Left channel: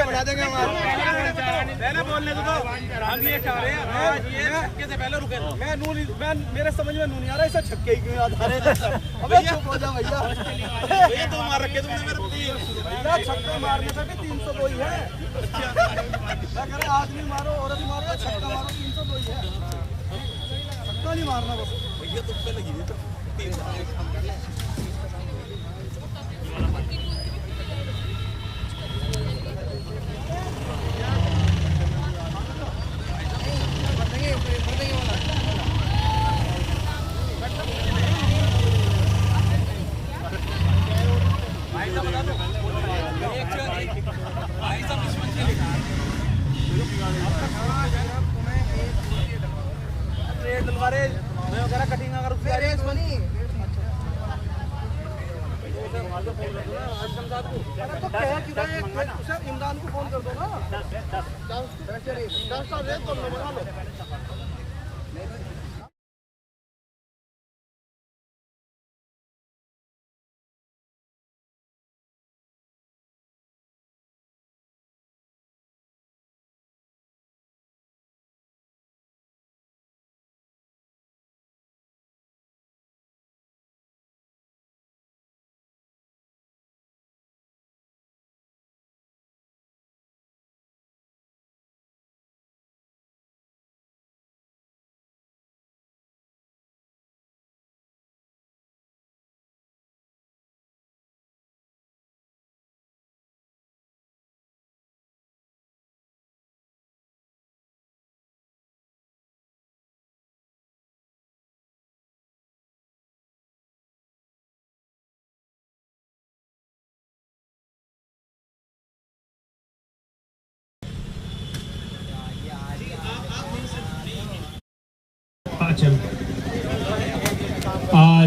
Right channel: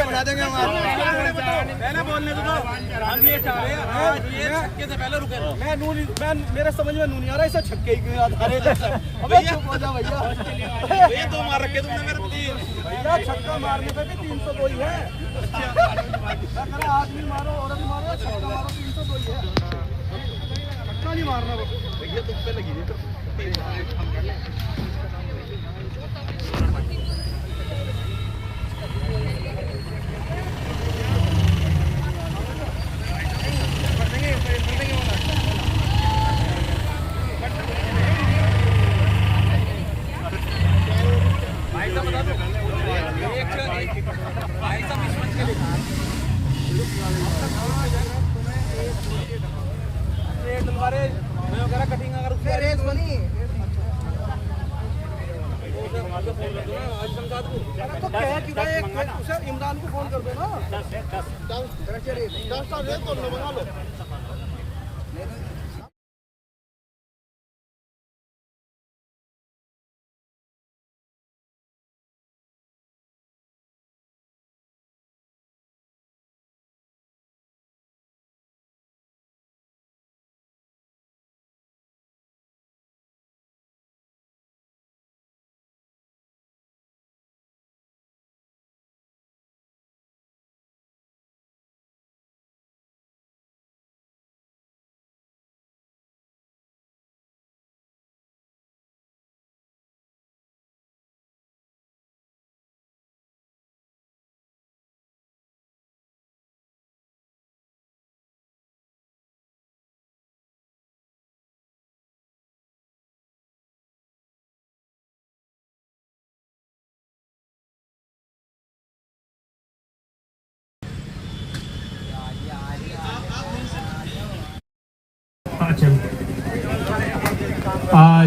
बना देंगे हम ये चाह रहे हैं ये छक्के से पहले रुके। मैं मेरे समझ में नहीं आ रहा इसे छक्के ही क्यों याद आ रहे हैं। अबे चुप हो जा भैया, ये तो मार रखे तुमने मेरे भैया। छक्का मारने पे भी 302 ही है। अगर आदमी मारो और भी मारो छक्का मारो 302 ही है। छक्का नहीं मारना बस भैया तुम पे लगी हुई। इमरान को फोन कर दो ना।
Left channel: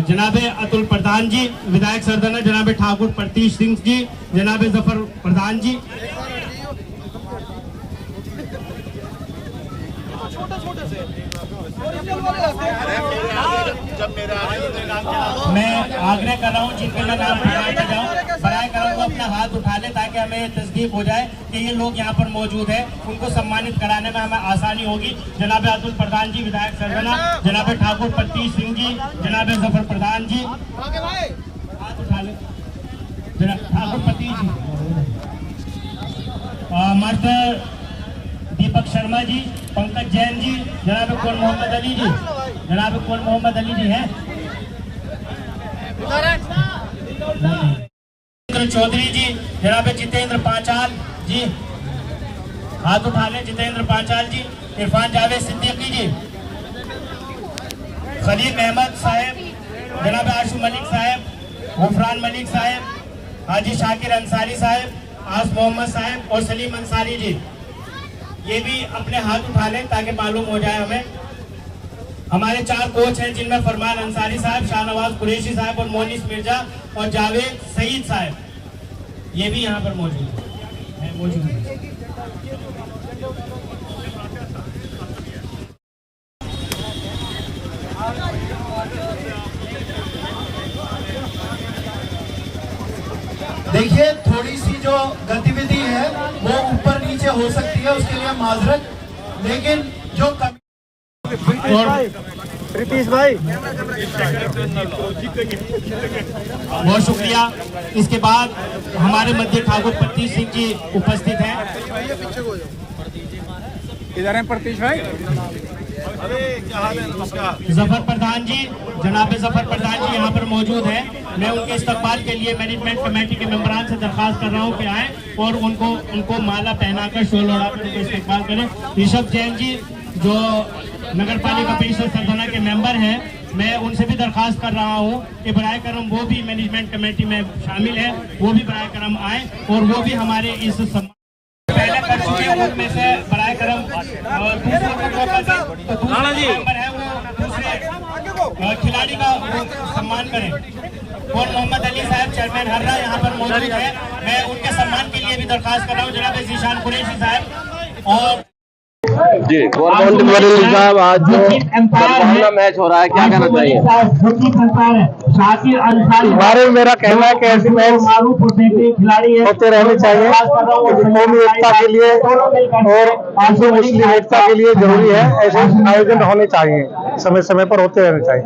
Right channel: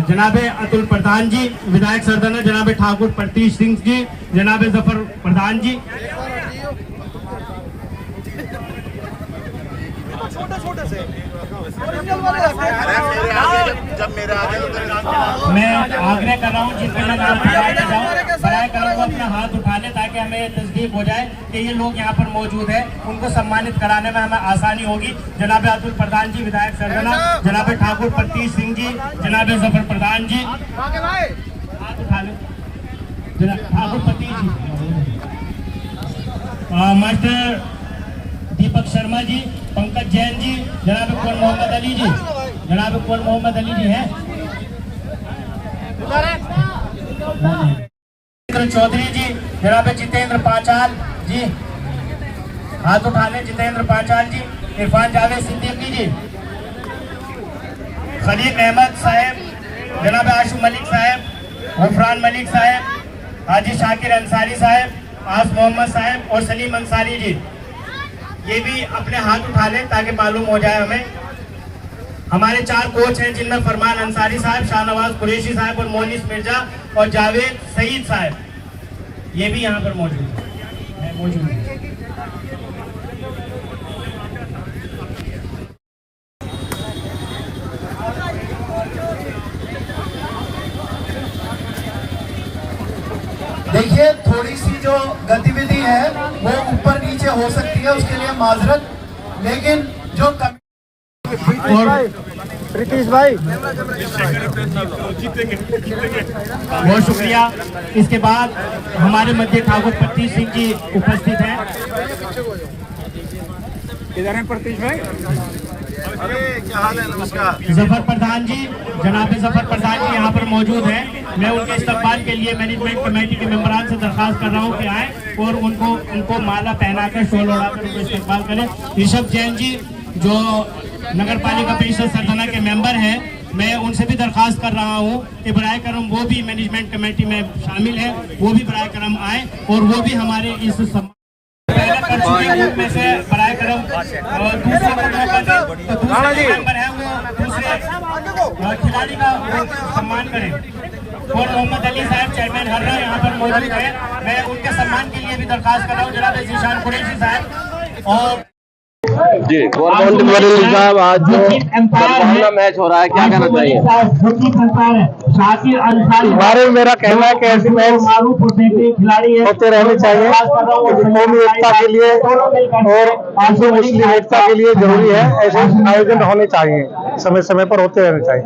जनाबे अतुल प्रधान जी विधायक सरदाना, जनाबे ठाकुर प्रतीश सिंह जी, जनाबे जफर प्रधान जी। छोटे से मैं आग्रह कर रहा हूँ जिनका नाम बताया जाओ बराए करूँगा अपना हाथ उठा ले ताकि हमें ये तस्दीक हो जाए कि ये लोग यहाँ पर मौजूद है। उनको सम्मानित कराने में हमें आसानी होगी। जनाबे अतुल प्रधान जी विधायक सरगना, जनाबे ठाकुर प्रतीश सिंह जी, जनाबे जफर प्रधान जी, हाथ उठा ले ठाकुर प्रतीश जी, मास्टर दीपक शर्मा जी, पंकज जैन जी, जनाब कौन मोहम्मद अली जी, जनाब कौन मोहम्मद अली जी हैं, चौधरी जी, जनाब जितेंद्र पांचाल जी, हाथ उठा लें जितेंद्र पांचाल जी, इरफान जावेद सिद्दीकी जी, खलील अहमद साहब, जनाब आशु मलिक साहब, गुफरान मलिक साहब, हाजी शाकिर अंसारी साहब, आस मोहम्मद साहब और सलीम अंसारी जी। ये भी अपने हाथ उठा लें ताकि मालूम हो जाए हमें। हमारे 4 कोच हैं जिनमें फरमान अंसारी साहब, शाहनवाज कुरैशी साहब और मोनिस मिर्जा और जावेद सईद साहब, ये भी यहाँ पर मौजूद है। देखिए थोड़ी सी जो गतिविधि है वो ऊपर नीचे हो सकती है, उसके लिए माजरत, लेकिन जो प्रीतीश भाई बहुत शुक्रिया। इसके बाद हमारे मध्य ठाकुर प्रतीश सिंह जी उपस्थित हैं। इधर हैं प्रतीश भाई। अरे क्या हाल है, नमस्कार। जफर प्रधान जी, जनाब जफर प्रधान जी यहाँ पर मौजूद हैं। मैं उनके इस्तकबाल के लिए मैनेजमेंट कमेटी के मेंबरान से दरखास्त कर रहा हूँ कि आए और उनको माला पहना कर शोल उड़ाकर उनको इस्तकबाल करें। ऋषभ जैन जी जो नगर पालिका परिषद सरदाना के मेंबर हैं, मैं उनसे भी दरखास्त कर रहा हूँ कि बराए करम वो भी मैनेजमेंट कमेटी में शामिल है, वो भी बराए करम आए और वो भी हमारे इस पहले कर चुके हैं उनमें से बराए करम दूसरे मेंबर है वो खिलाड़ी का सम्मान करें। और मोहम्मद अली साहब चेयरमैन हर्रा यहाँ पर मौजूद है, मैं उनके सम्मान के लिए भी दरखास्त कर रहा हूँ। जनाब जीशान कुरैशी साहब और जी साहब, आज जो मैच हो रहा है क्या कहना चाहिए? शाकिर अंसारी हमारे मेरा कहना है कि ऐसे मैच मारूफ और बेहतरीन खिलाड़ी है, होते रहने चाहिए, कौमी एकता के लिए और हिंदू मुस्लिम एकता के लिए जरूरी है। ऐसे आयोजन होने चाहिए, समय समय पर होते रहने चाहिए।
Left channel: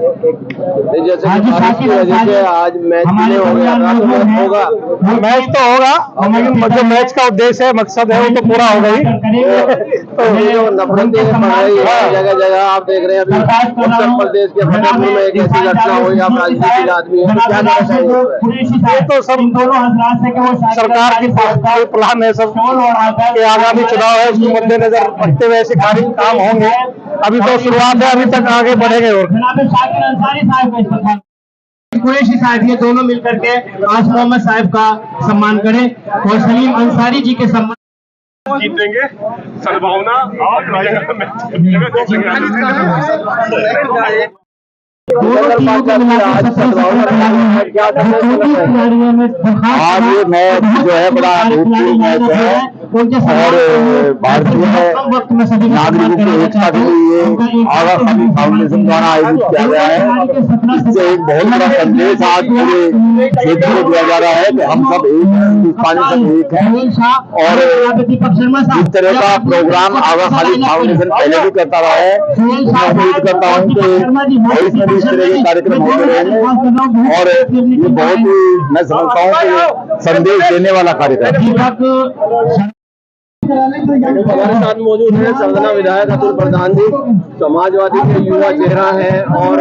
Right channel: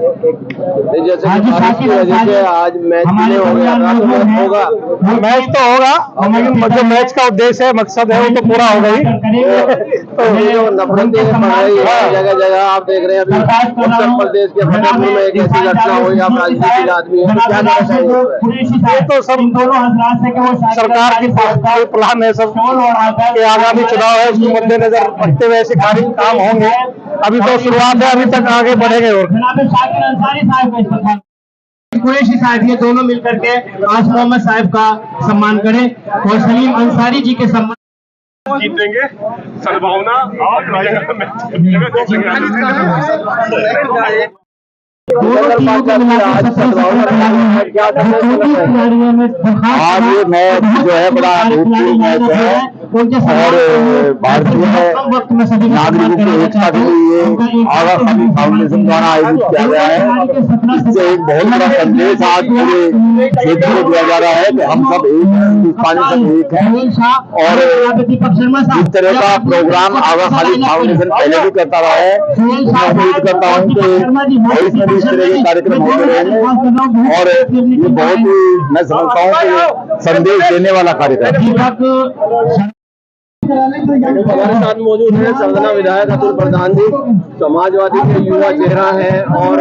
जैसे कि बारिश की वजह से आज मैच नहीं हो गया था, तो मैच होगा, मैच तो होगा, लेकिन जो मैच का उद्देश्य है, मकसद है, वो तो पूरा होगा ही। तो ये जो नफरतें बढ़ रही है जगह जगह, आप देख रहे हैं अभी उत्तर प्रदेश के फतेहपुर में एक ऐसी घटना हुई, आप राजनीतिक आदमी हैं, तो क्या कहना चाहिए? ये तो सब सरकार की प्लान है, सब के आगामी चुनाव है, उसके मद्देनजर रखते हुए ऐसे कार्य काम होंगे। अभी तो शुरुआत है, अभी तक आगे बढ़ेंगे। और शाकिर अंसारी साहब का इस्तेमाल, कुरैशी साहब, ये दोनों मिलकर के आज मोहम्मद साहब का सम्मान करें और सलीम अंसारी जी के सम्मान जीतेंगे। सद्भावना आज ये मैच जो है बड़ा अभूतपूर्व मैच है और भारतीय नागरिकों की एकता के लिए आगा खाली फाउंडेशन द्वारा आयोजित किया गया है। इससे एक बहुत बड़ा संदेश आज पूरे क्षेत्र में दिया जा रहा है कि हम सब एक हैं, हिंदुस्तानी सब एक हैं। और इस तरह का प्रोग्राम आगा खाली फाउंडेशन पहले भी करता रहा है। मैं उम्मीद करता हूँ कि भविष्य में भी इस तरह के कार्यक्रम होते रहेंगे और ये बहुत ही, मैं समझता हूँ कि संदेश देने वाला कार्यक्रम। हमारे साथ मौजूद है सरगना विधायक अतुल प्रधान जी, समाजवादी के युवा चेहरा है और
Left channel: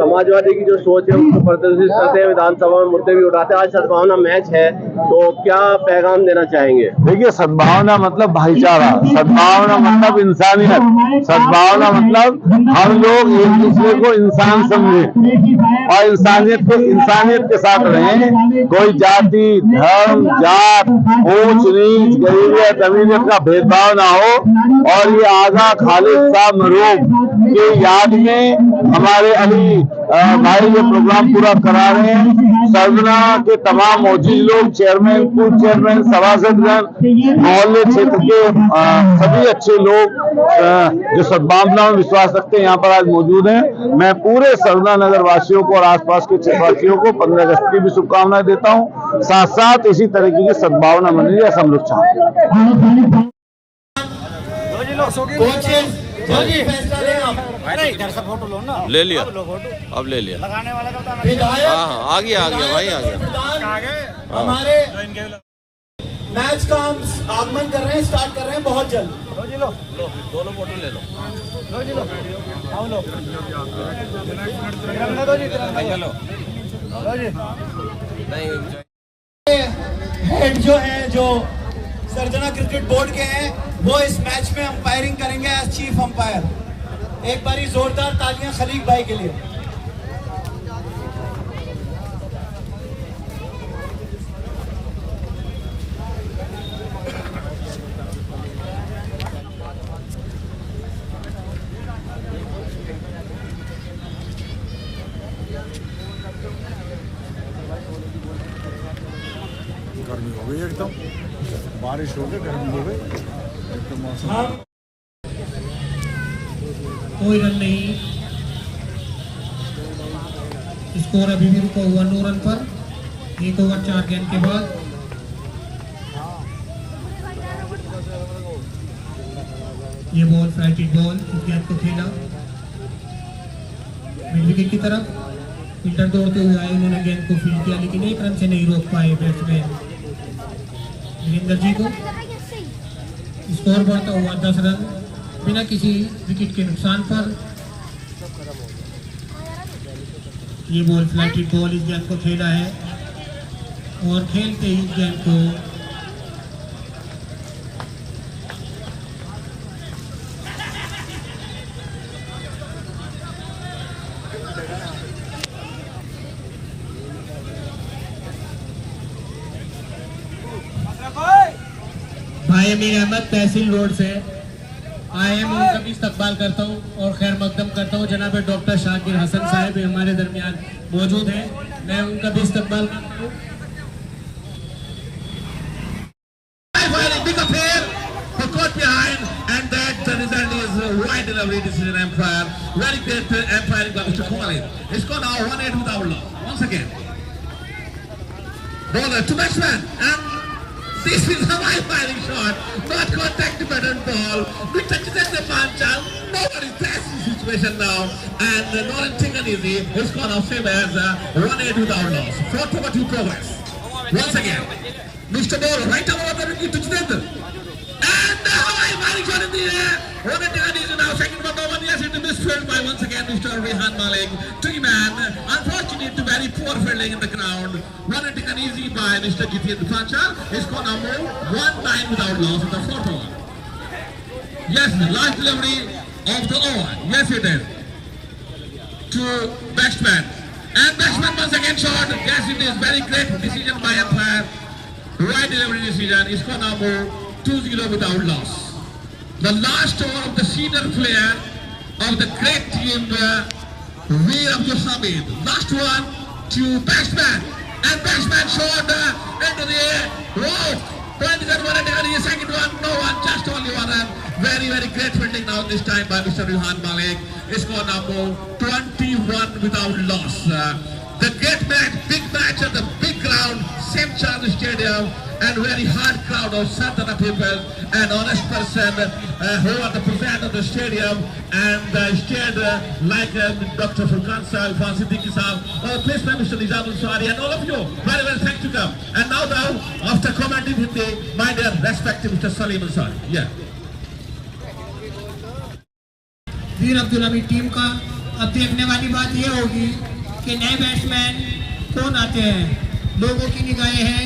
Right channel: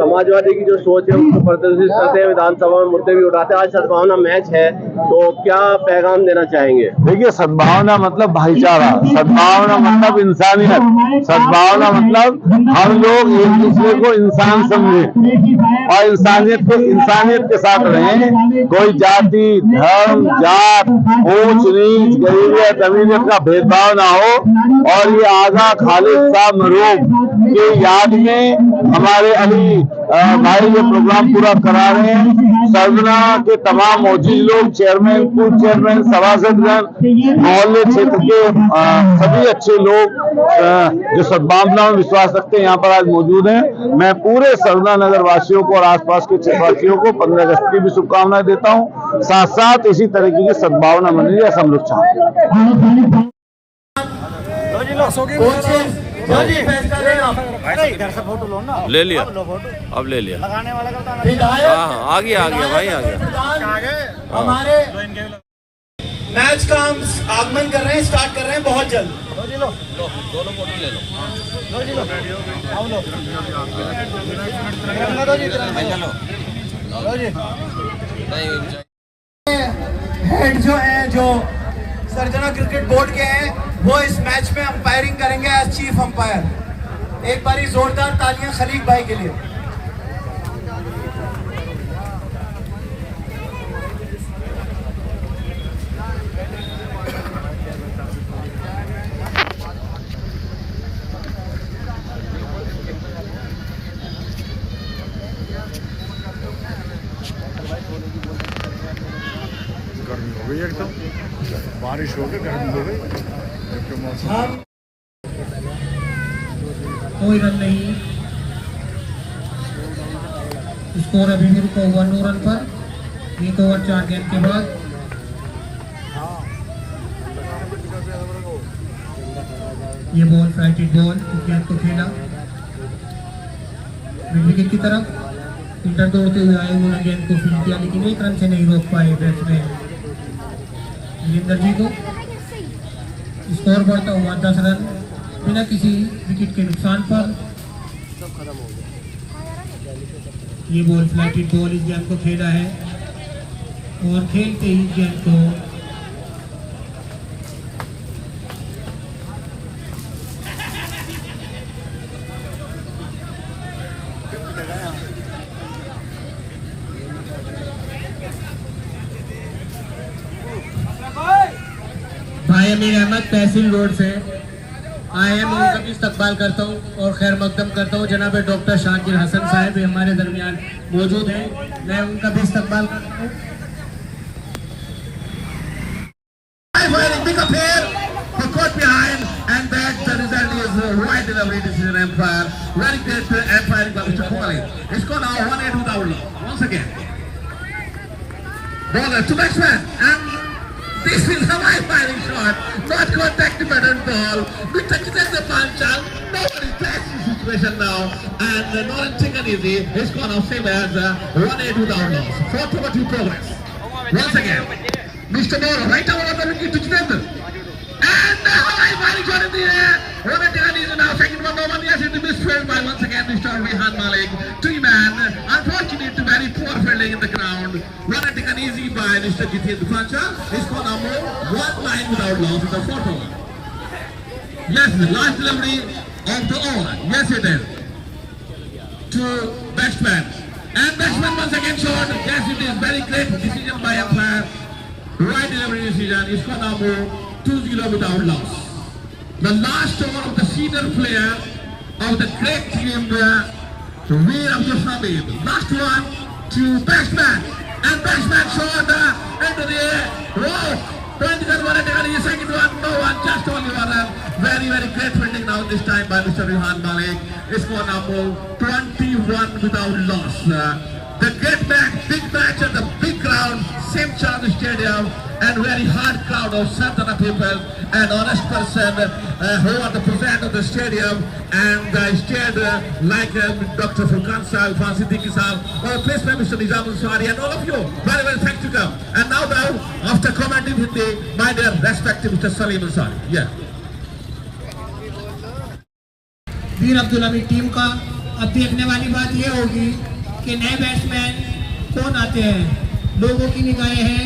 समाजवादी की जो सोच है उसको प्रदर्शित करते हैं, विधानसभा में मुद्दे भी उठाते हैं। आज सद्भावना मैच है, तो क्या पैगाम देना चाहेंगे? देखिए, सद्भावना मतलब भाईचारा, सद्भावना मतलब इंसानियत, सद्भावना मतलब हम लोग एक दूसरे को इंसान समझें और इंसानियत के साथ रहें। कोई जाति, धर्म, जात, ऊंच नीच, गरीबी अमीरियत का भेदभाव ना हो। और ये आगा खालिद साहब मरूम के याद में हमारे अली भाई ये प्रोग्राम पूरा करा रहे हैं। सरगना के तमाम मौजूद लोग, चेयरमैन, पूर्व चेयरमैन, सभासदगण, मोहल्ले क्षेत्र के सभी अच्छे लोग जो सद्भावना में विश्वास रखते हैं यहाँ पर आज मौजूद हैं। मैं पूरे सरगना नगर वासियों को और आसपास के क्षेत्रवासियों को 15 अगस्त की भी शुभकामनाएं देता हूँ। साथ साथ इसी तरीके की सद्भावना बनी रहे, हम लोग चाहते हैं। ले लिया, अब ले लिया। हाँ, आ गया भाई, आ गया। हमारे मैच का हम आगमन कर रहे हैं, स्टार्ट कर रहे हैं बहुत जल्द। लो, दोनों फोटो ले लो। हेड जो है, जो सरगना क्रिकेट बोर्ड के हैं, वो इस मैच में अंपायरिंग करेंगे एज चीफ अंपायर। एक बारी जोरदार तालियां खलील भाई के लिए। बारिश हो गई, गर्मी हो गई, कोई रन नहीं, स्कोर अभी भी रुका हुआ 9 रन पर। 1 ओवर 4 गेंद के बाद ये बॉल फ्लाइटेड बॉल, इस गेंद को खेला मिड विकेट की तरफ। फील्डर दौड़ते हुए आए, उन्होंने गेंद को फील्ड किया, लेकिन 1 रन से नहीं रोक पाए बैट्समैन वीरेंद्र जी को। स्कोर बढ़ता हुआ 10 रन बिना किसी विकेट के नुकसान पर। ये बॉल फ्लाइटेड बॉल, इस गेंद को खेला है और खेलते ही गेंद को भाई अमीर अहमद तहसील रोड से आए हैं, मैं उनका भी इस्तकबाल करता हूँ और खैर मकदम करता हूँ। जनाब डॉक्टर शाकिर हसन साहब हमारे दरमियान मौजूद हैं, मैं उनका भी इस्तकबाल करता हूँ। Very great umpiring by Mr. Kohli. It's gone now 1-8 without love. once again. Bowler to batsman, and this is a high firing shot. Not contact the batted ball. We touched the pancha. Nobody catches the situation now. And Nolan Tinganizi is gone off same as 1-8 without loss. 4-2 progress. Once again, Mr. Bowler, right over the wicket to Jitendra. And the high firing shot in the air. Nolan Tinganizi now second one over. Yes, it is misfilled by once again Mr. Rehan Malik. 3-man. Unfortunate to very poor fielding in the ground. Nolan Tinganizi by Mr. Jitendra Pancha. Is gone now 1-9 without loss in the fourth over. Yes, the last delivery of the over. Yes, it is. To batsman. And batsman once again shot. Yes, it is very great decision by umpire. Right delivery decision. Is gone now 2-0 without loss. The last over of the senior player of the great team, Veer Abdul Hamid. Last one to batsman. And batsman shot into the air. Wow! Second one, no one, just only one. Very, very great fielding now this time by Mr. Rehan Malik. Score number 21 without loss. The great match, big match at the big ground, St. Charles Stadium, and very hard crowd of Santana people and honest person who are the president of the stadium and stayed like Dr. Furqan Sahib, Siddiqui Sahib, please Mr. Nizam Ansari and all of you. Very well, thank you. And now, after commenting with the my dear respected Mr. Salim Ansari. Yeah. Veer Abdul Hamid team का अब देखने वाली बात यह होगी कि नए batsman कौन आते हैं। लोगों की निगाहें हैं,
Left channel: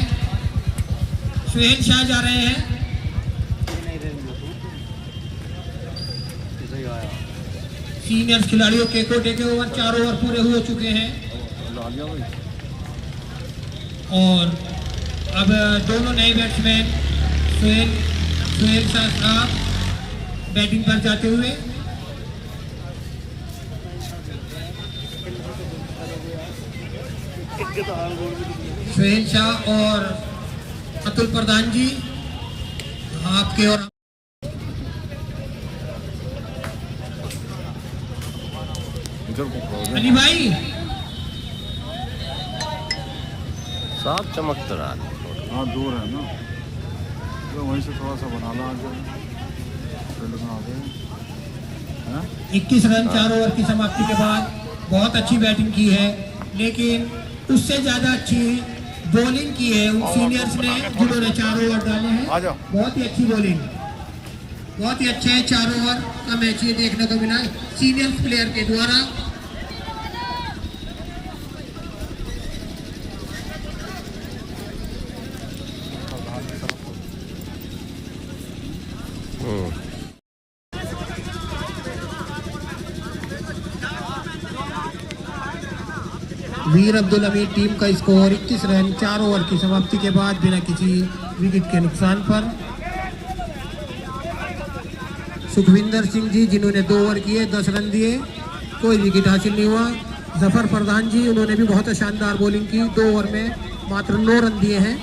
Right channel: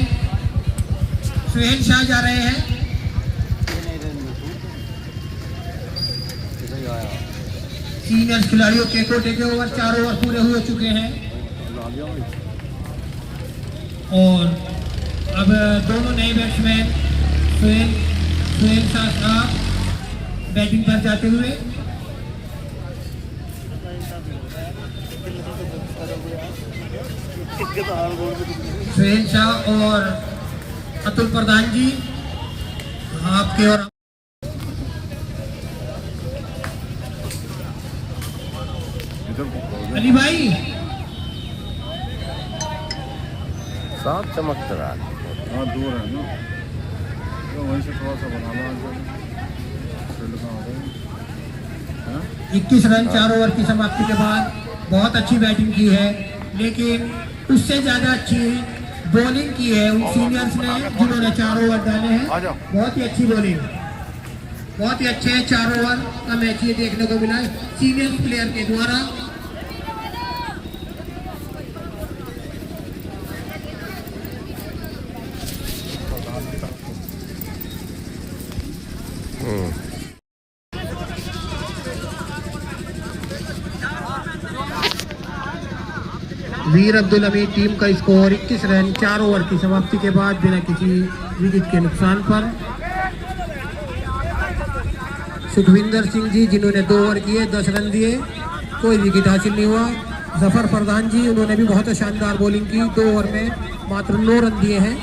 सुहेल शाह जा रहे हैं। सीनियर खिलाड़ियों के कोटे के ओवर 4 ओवर पूरे हो चुके हैं और अब दोनों नए बैट्समैन सुहेल शाह साहब बैटिंग पर जाते हुए। सुहेल शाह और अतुल प्रधान जी आपके और अली भाई साफ चमकता रहा। हाँ दूर है ना, तो वहीं से थोड़ा सा बना लो। 21 रन 4 ओवर की समाप्ति के बाद बहुत अच्छी बैटिंग की है, लेकिन उससे ज्यादा अच्छी बॉलिंग की है उन सीनियर्स ने जिन्होंने 4 ओवर डाले हैं। बहुत ही अच्छी बॉलिंग, बहुत ही अच्छे 4 ओवर का मैच ये देखने को मिला सीनियर प्लेयर के द्वारा। वीर अब्दुल हमीद टीम का स्कोर 21 रन 4 ओवर की समाप्ति के बाद बिना किसी विकेट के नुकसान पर। सुखविंदर सिंह जी जिन्होंने 2 ओवर किए 10 रन दिए, कोई विकेट हासिल नहीं हुआ। जफर प्रधान जी उन्होंने भी बहुत शानदार बॉलिंग की, 2 ओवर में मात्र 9 रन दिए हैं।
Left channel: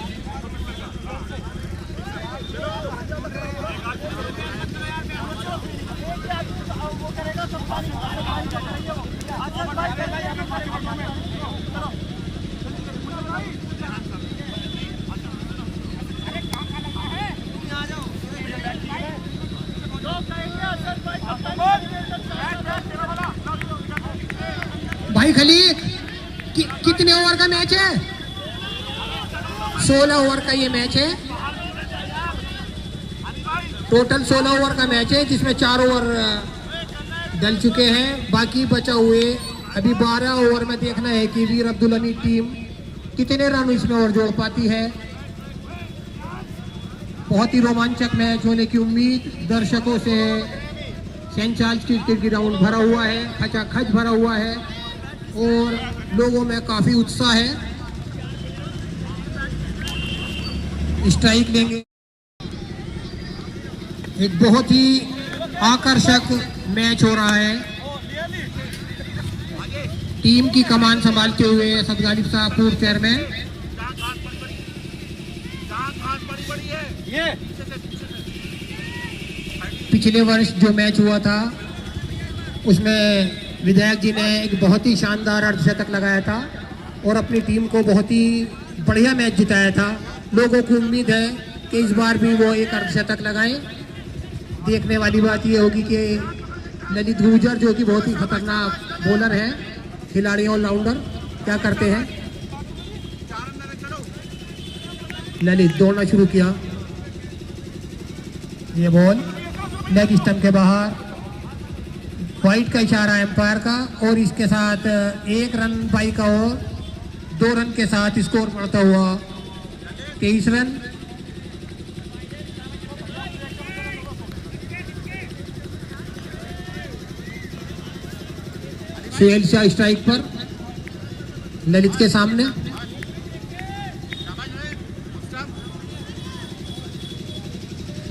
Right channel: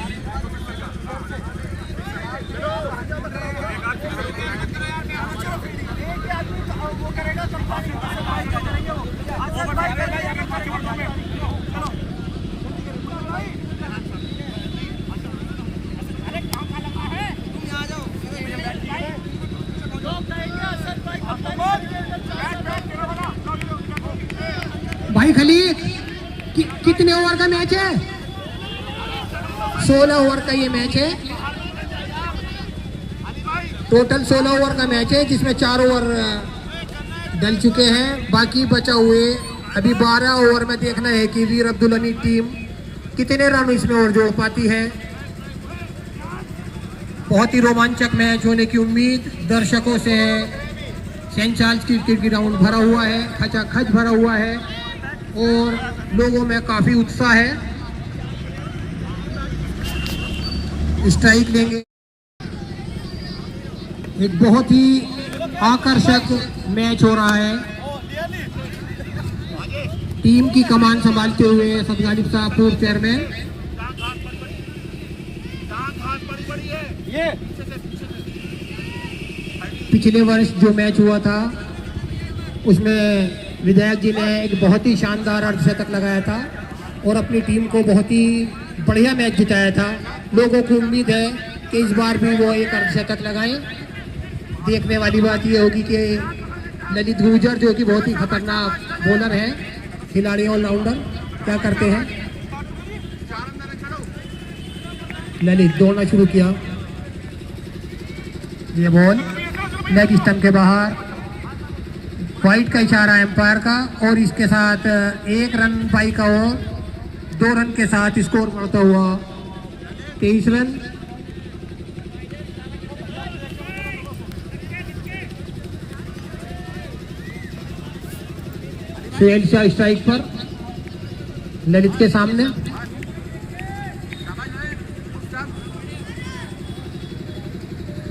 भाई खलीक कितने ओवर का मैच है? 16 ओवर का ये मैच है। टोटल 16 ओवर का मैच है जिसमें 4 ओवर डल चुके हैं, बाकी बचा हुए अभी 12 ओवर में देखना है कि वीर अब्दुल हमीद टीम कितने रन इसमें और जोड़ पाती है। बहुत ही रोमांचक मैच होने की उम्मीद दर्शकों से है। सेंट चार्ल्स क्रिकेट ग्राउंड भरा हुआ है, खचाखच भरा हुआ है और लोगों में काफी उत्साह है। स्ट्राइक लेंगे, एक बहुत ही आकर्षक मैच हो रहा है। टीम की कमान संभालते हुए सदगालिब साहब पूर्व चेयरमैन। पिछले वर्ष जो मैच हुआ था उसमें विधायक जी ने एक बहुत ही शानदार अर्धशतक लगाया था और अपनी टीम को बहुत ही बढ़िया मैच जिताया था। लोगों को उम्मीद है कि इस बार भी वो एक अर्धशतक लगाएं। देखने वाली बात ये होगी कि ललित गुर्जर जो कि बहुत ही खतरनाक बॉलर है, खिलाड़ी ऑलराउंडर, क्या करते हैं। ललित दौड़ना शुरू किया, ये बॉल लेग स्टंप के बाहर, वाइट का इशारा एम्पायर का, और इसके साथ 1 रन बाई का हो, 2 रन के साथ स्कोर बढ़ता हुआ 23 रन। सुहेल शाह स्ट्राइक पर ललित के सामने।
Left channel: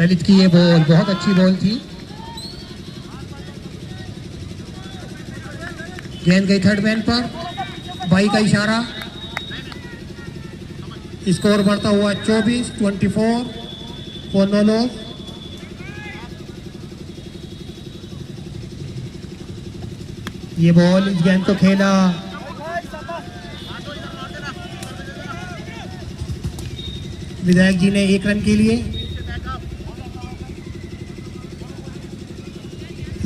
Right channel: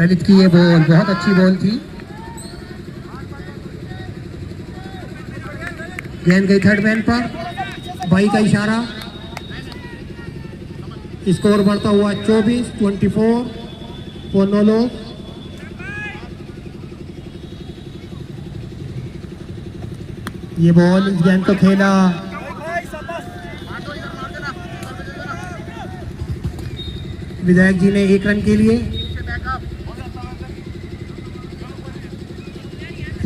ललित की ये बॉल बहुत अच्छी बॉल थी। गेंद गई थर्ड मैन पर, बाई का इशारा, स्कोर बढ़ता हुआ 24 पोनोलो। ये बॉल इस गेंद को खेला विधायक जी ने 1 रन के लिए।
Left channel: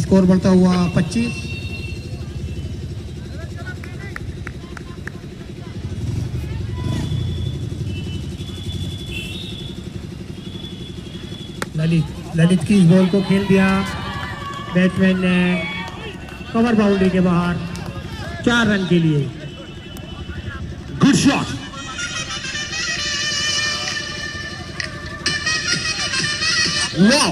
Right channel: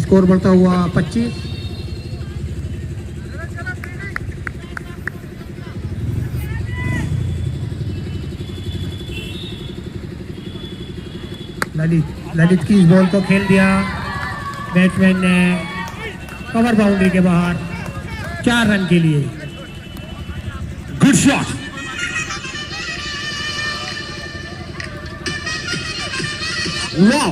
स्कोर बढ़ता हुआ 25। ललित की इस बॉल को खेल दिया बैट्समैन ने कवर बाउंड्री के बाहर 4 रन के लिए। Good shot. No.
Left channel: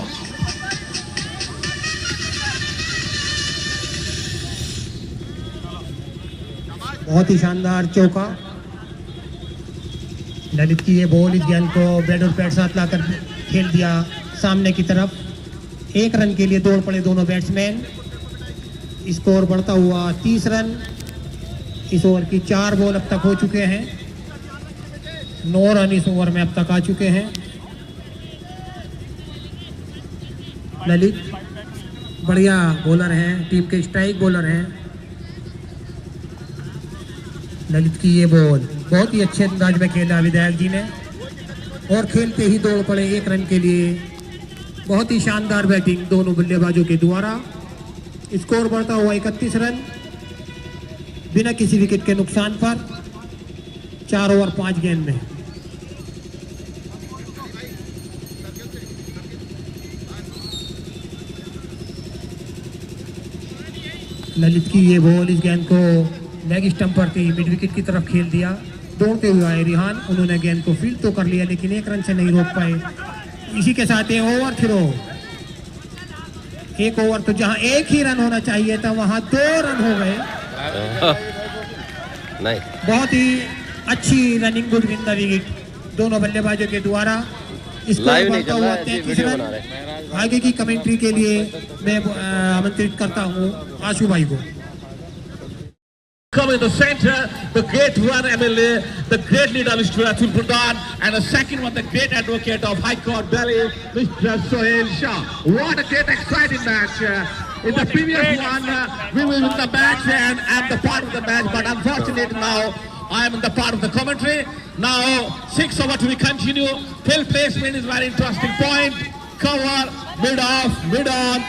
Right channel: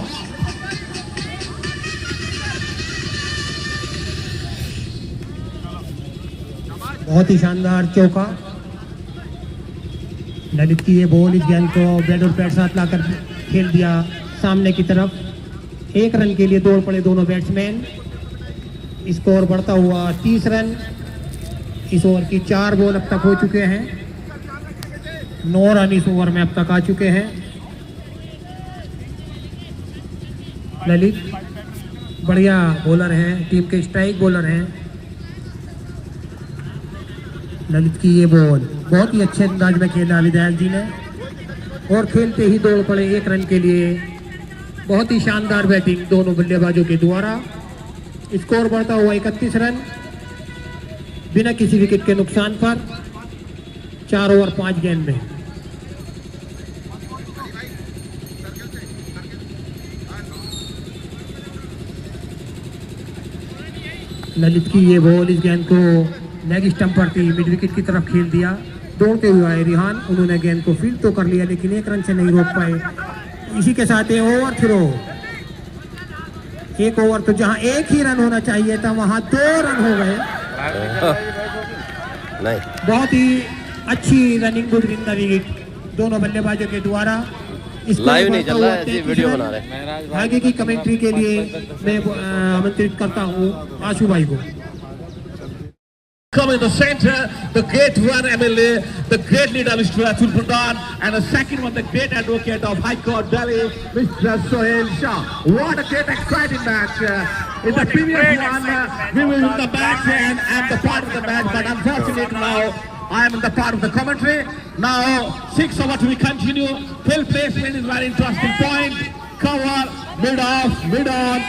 बहुत ही शानदार चौका। ललित की ये बॉल इस गेंद को बैट और पैड साथ लाकर खेल दिया सामने की तरफ। 1 रन के लिए दौड़ पड़े दोनों बैट्समैन। स्कोर बढ़ता हुआ 30 रन। इस ओवर की 4 बॉल अब तक हो चुके हैं। 9 रन इस ओवर में अब तक आ चुके हैं। ललित बढ़िया बॉलर हैं, टीम के स्ट्राइक बॉलर हैं। ललित की ये बॉल बहुत ही अच्छे अंदाज में खेला विधायक जी ने, और खेलते ही दौड़ पड़े 1 रन के लिए। बहुत ही शानदार बैटिंग दोनों बल्लेबाजों के द्वारा। स्कोर बढ़ता हुआ 31 रन बिना किसी विकेट के नुकसान पर, 4 ओवर 5 गेंद में। ललित की ये बॉल इस गेंद को लेग स्टंप पर थी, मिड विकेट की तरफ खेल दिया। दौड़ते हुए आए रिहान, उन्होंने गेंद को फील्ड तो कर लिया लेकिन 1 रन से नहीं रोक पाए। इसी के साथ ओवर थ्रो, 1 ओवर तो जहां 1 ही रन होना चाहिए था वहां 2 रन हो गए। नहीं, बहुत ही अच्छी running good win the wicket दोनों बल्लेबाजों के द्वारा। लाइव नहीं चल रहा है, ऐसे वीडियो बना रहे हैं। आगे की कमेंट्री के लिए मैं आमंत्रित करता हूं आशु भाई को। Come in the center, the great one MLA, the great leader Mr. Atul Pradhan, and the second one, the great advocate of High Court Delhi, Mr. Sohail Shah. What a great exciting match. In the previous one, we were in the match and the part of the match, but unfortunately now I am in the part of the commentary. Now 6 over to be continue. Field placement is very interesting point. Cover, mid off, mid on,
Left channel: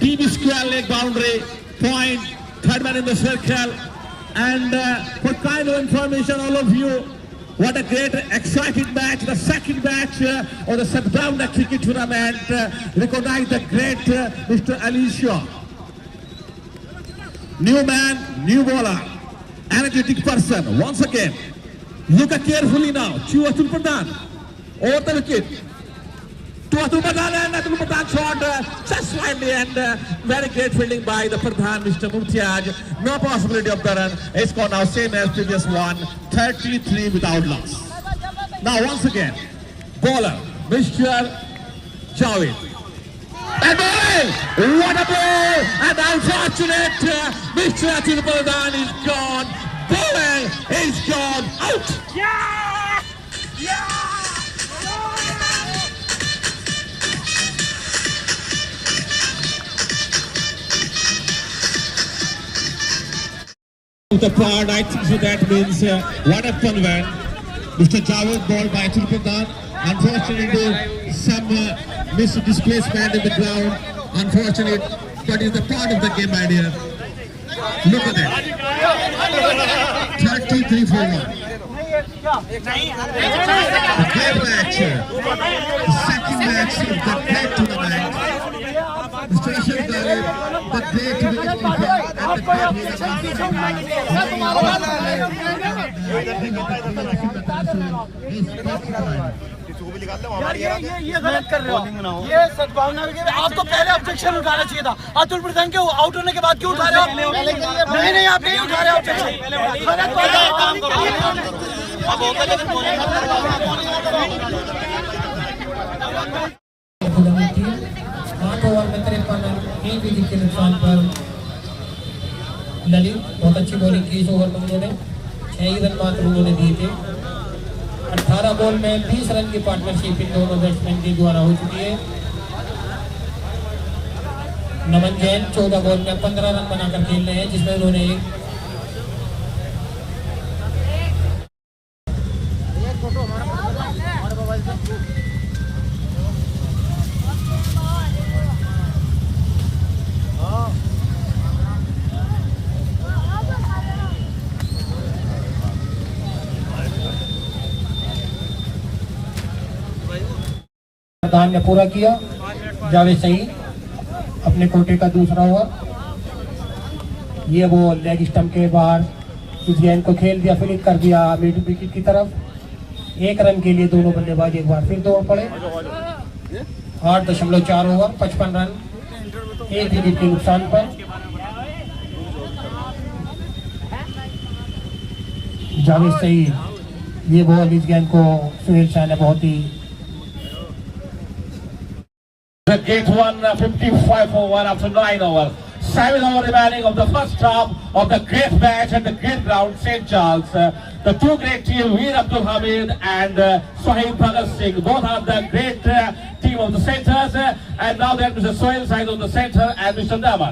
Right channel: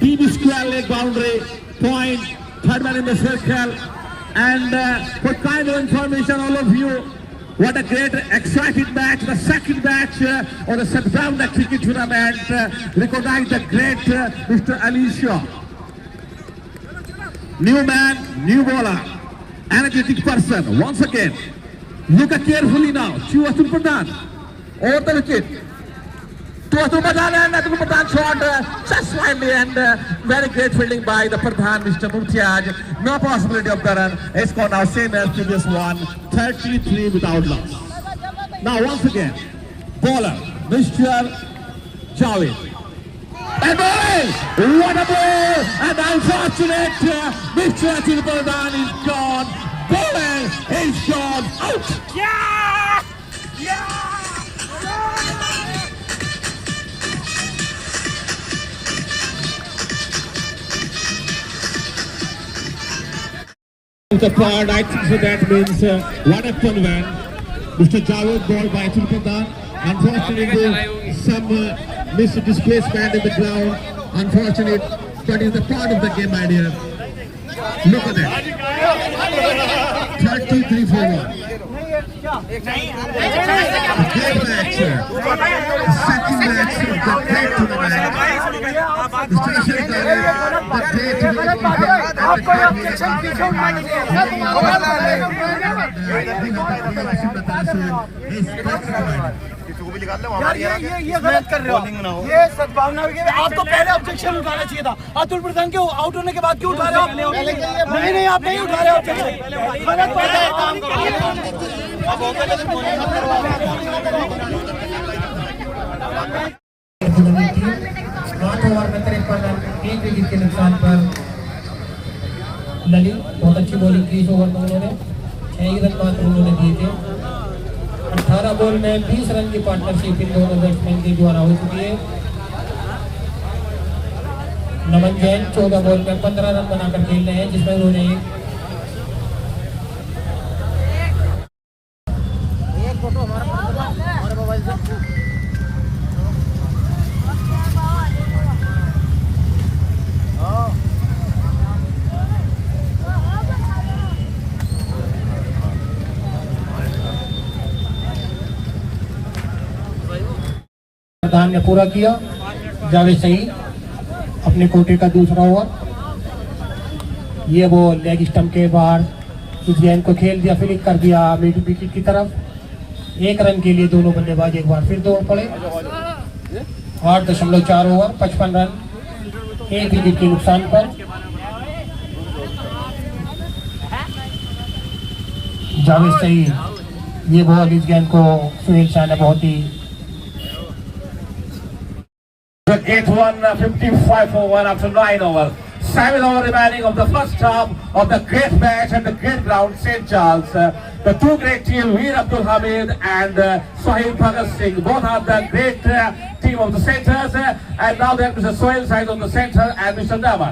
TV square leg boundary, point, third man in the circle. And for kind of information all of you, what a great exciting match, the second match of the Satdown Cricket Tournament. Recognize the great Mr. Alisha. New man, new bowler, energetic person. Once again, look carefully now. To Atul Pradhan, over the wicket. To Atul Pradhan, and Atul Pradhan shot just slightly, and very great fielding by the Pradhan, Mr. Mumtiaz. No possibility of the run. It's gone now same as previous one, 33 without loss. Now once again, bowler, Mr. Javed. And bowling! What a ball! And unfortunate, Mr. Atul Pradhan is gone. Bowling is gone out. the pod. I think so that means one up one win. Mr. Javed ball by Atul Pradhan. Unfortunately, some missed displacement in the ground. Unfortunate, that is the part of the game, my dear. Look at that. 33 for 1. Great match. Second match of the great tournament. Mr. Ashir Dave, the great tournament. ये गलत कर रहे हो, ये सद्भावना के आपको पहले ऑब्जेक्शन उठाना चाहिए था। अतुल प्रधान के आउट होने के बाद क्यों उठा रहे हो? नहीं आप नहीं उठा रहे हो ऑब्जेक्शन। गलत काम करो, अब हो गया लेकिन बॉलिंग मत करो। 8 ओवर में 53 रन, 3 विकेट के नुकसान पर ललित बहुत अच्छी बॉलिंग की इस ओवर में। उन्होंने 6 ही रन मात्र उन्होंने दिए थे। 18 बॉल में 20 रन की पार्टनरशिप इन दोनों बैट्समैन के द्वारा हो चुकी है। नमन जैन 14 बॉल में 15 रन बनाकर खेल रहे हैं, जिसमें उन्होंने प्रधान ने पूरा किया। जावेद सही अपने कोटे का दूसरा ओवर, ये वो लेग स्टंप के बाहर इस गेंद को खेल दिया, फ्लिक कर दिया मिड विकेट की तरफ। 1 रन के लिए दोनों बल्लेबाज एक बार फिर दौड़ पड़े। 8.4 ओवर 55 रन, 1 विकेट के नुकसान पर। जावेद सही ये बॉल इस गेंद को सुहेल शाह ने बहुत ही The gate 155 for 1 after 9 overs. 7 overs remaining of the first half of the great match at the great ground, St. Charles. The two great teams, Veer Abdul Hamid and Sohail Bhagat Singh, both are the great team of the centers. And now there is Mr. Sohail side on the center and Mr. Nama.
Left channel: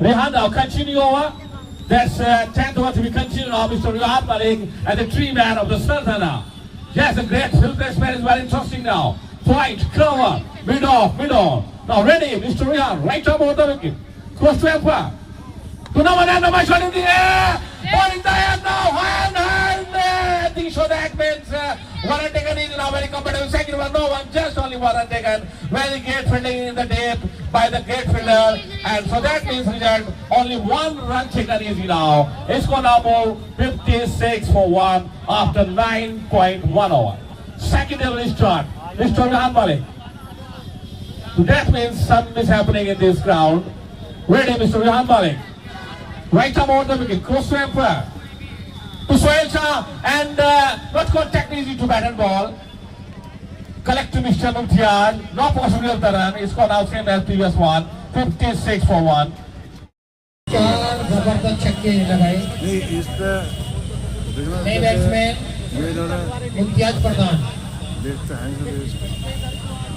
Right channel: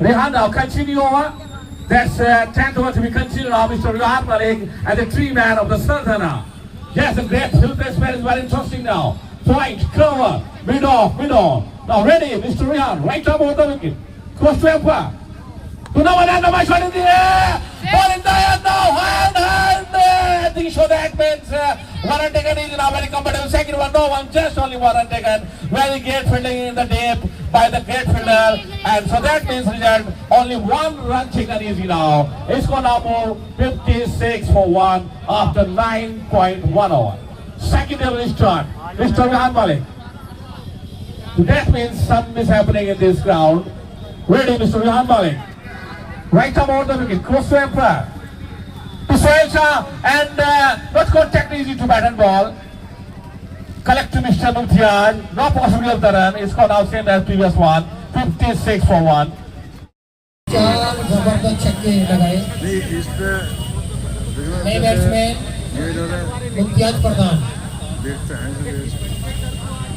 Rehan now continue over. That's 10th over to be continued now. Mr. Rehan Malik and the tree man of the Sultana. Yes, the great field batsman is very interesting now. Point, cover, mid off. Now ready, Mr. Rehan, right up over the wicket. Close to Empire. To number 9, number shot in the air. Ball in the air now. Hand. I think so that means one run taken is now very comfortable. Second one, no one, just only one run taken. Very great fielding in the deep by the great fielder. And so that means result, only 1 run taken easy now. It's going to move 56 for 1 after 9.1 over. Secondary start. Mr. Rehan Malik. So that means something is happening in this ground. Ready, Mr. Rehan Malik. Right up over the wicket, close to Empire. To Sohail Shah and not contact easy to bat and ball. Collect to Mr. Mumtiaz. No possibility of the run. It's gone out same as previous one. 56 for 1. 4 जबरदस्त छक्के लगाए नए batsman Mumtaz प्रधान।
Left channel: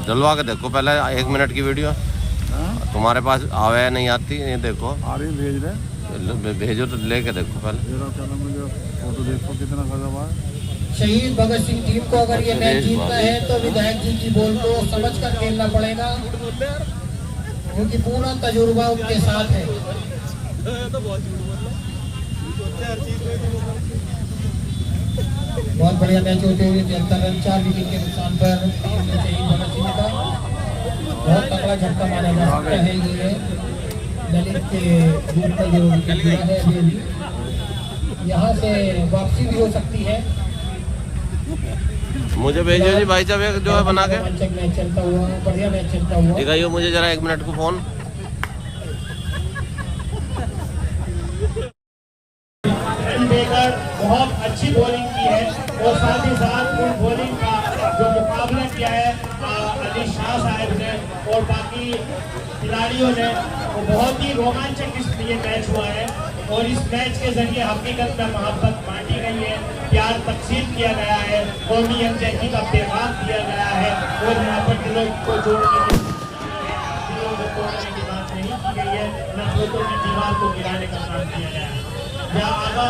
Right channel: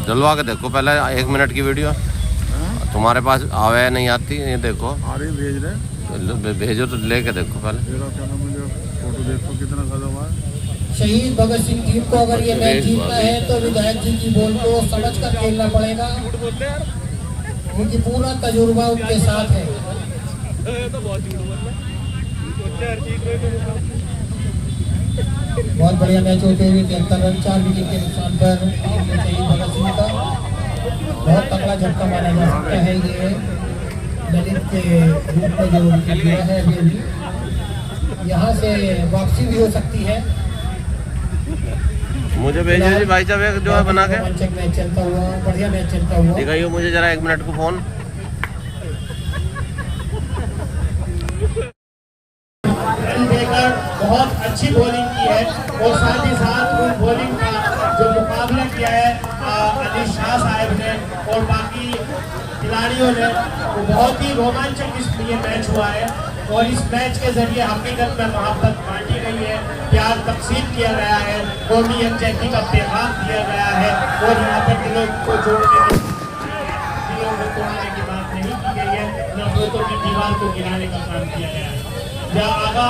डलवा के देखो पहले 1 minute की video तुम्हारे पास आवे नहीं आती, ये देखो भेजो तो लेके देखो पहले। शहीद भगत सिंह टीम को अगर ये मैच जीतना है तो विधायक जी की बॉल को समझ कर खेलना पड़ेगा, क्योंकि पूरा तजुर्बा उनके साथ है। बहुत बढ़िया मैच होते हुए चलता रन 4 विकेट के नुकसान पर शहीद भगत सिंह का बहुत तगड़ा झटका माना जा सकता है। ये ललित के रूप में जो विकेट गिरा है अभी यहाँ से वापसी भी हो सकती है। मुझे भेजिए जी भाई साहब जो है बना के मैच चलता हुआ, बढ़िया मैच चलता हुआ। दिखाइए मुझे जरा 1 मिनट को फोन। बहुत अच्छी बॉलिंग की है और साथ ही साथ बॉलिंग का जो मुकाबला किया है अनिश शाह साहब ने और बाकी खिलाड़ियों ने, वो बहुत ही रोमांचक ये मैच हुआ है। और इस मैच के जरिए हकीकत में मोहब्बत बांटी गई है, प्यार तकसीम किया गया है, कौमी यकजहती का पैगाम दिया गया है और यहाँ पर दिलों को जोड़ने की बात नहीं की गई है, नफरतों की दीवार को गिराने का काम किया गया है। आगा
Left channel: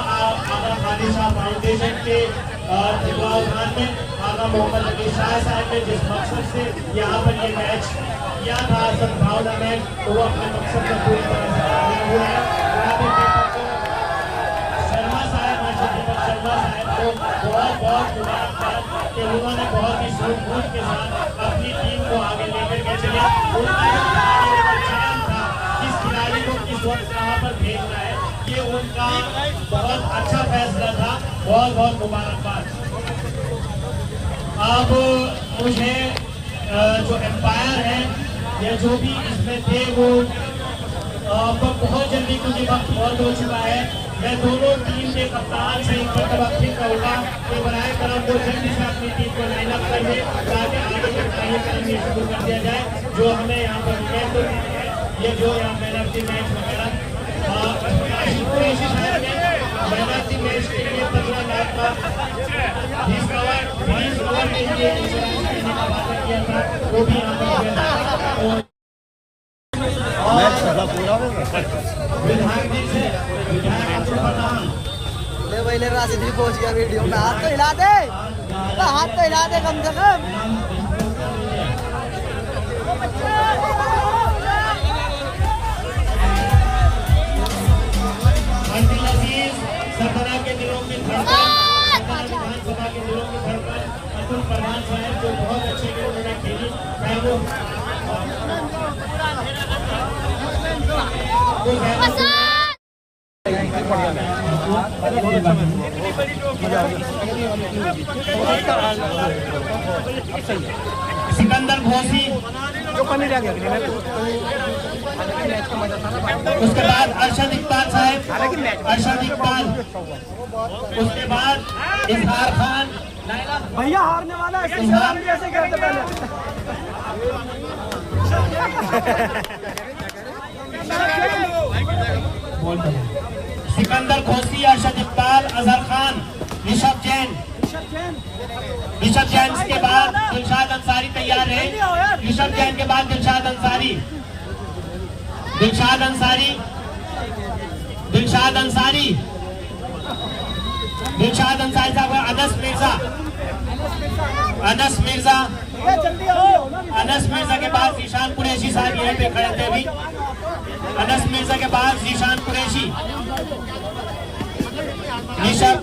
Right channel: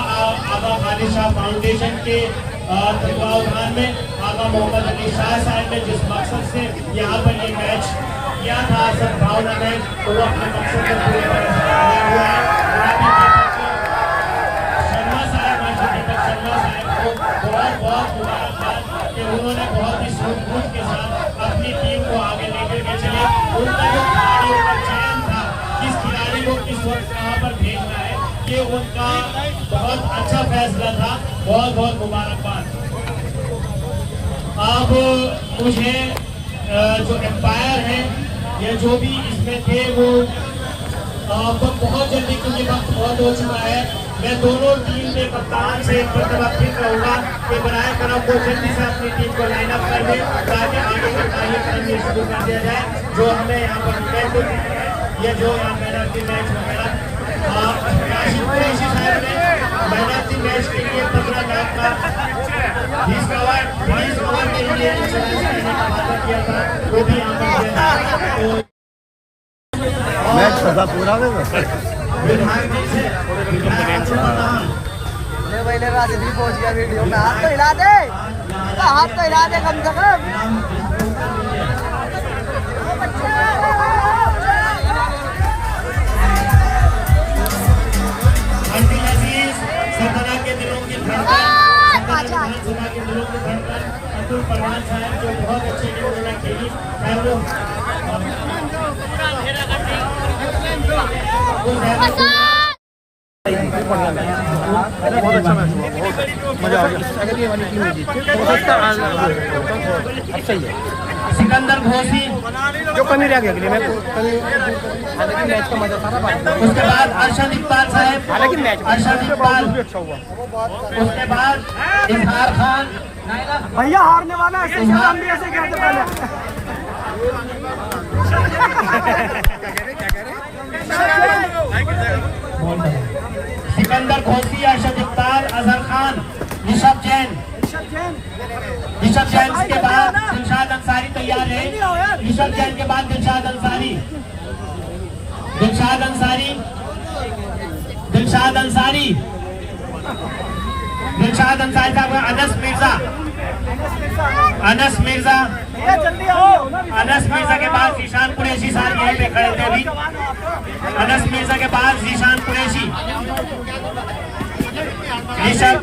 आलिशा फाउंडेशन के तत्वावधान में आगा मोहम्मद अली शाह साहब ने जिस मकसद से यहाँ पर ये मैच किया था सद्भावना मैच, तो वो अपने मकसद को पूरी तरह से किया हुआ है। शर्मा साहब को बहुत बहुत मुबारकबाद कि उन्होंने बहुत ही सूझबूझ के साथ अपनी टीम को आगे लेकर के चले। उनका जो चयन था किस खिलाड़ी को किस वक्त कहाँ पर भेजना है, ये उनका बहुत अच्छा फैसला था। बहुत बहुत मुबारकबाद। अब मुझे जो एम्पायर है या जो भी इसमें थे वो बहुत जल्दी, क्योंकि वक्त बहुत हो चुका है, मैं दोनों टीम के कप्तान से फिर कहूँगा कि बराए करम वो जल्दी से अपनी टीम को लाइन अप कर दे ताकि आगे का कार्यक्रम शुरू कर दिया जाए। जो हमने यहाँ पर मैच है या जो मैन ऑफ द मैच वगैरह मैच के लिए 15 लाख का वो भी राजनीति पहुंच गया वीडियो में। हाथ तो हिला दे, हाथ तो हिला दे कम से कम। सरदार के दिलों की धड़कन, अतुल परवान साहब जो बहुत अच्छे उन्होंने खेली बहुत अच्छा मैच हुआ, बहुत मजा आ गया। सिकंदर घोसी जो कमी रह गया मैच का मजा था। उसके बाद अरशद इकबाल साहब, अरशद इकबाल, उसके बाद इजहार खान। भैया हारने वाला है, ऐसे कहते पहले। सिकंदर घोसी, अरशद इकबाल, अजहर खान, ऋषभ जैन। ऋषभ जैन के बाद दिलशाद अंसारी तैयार है। ऋषभ जैन के बाद दिलशाद अंसारी, दिलशाद अंसारी, दिलशाद अंसारी, दिलशाद अंसारी साहब। अनस मिर्जा, अनस मिर्जा, अनस मिर्जा के बाद जीशान कुरैशी साहब यहीं पे खड़े थे अभी। अनस मिर्जा के बाद जीशान कुरैशी, ऋषभ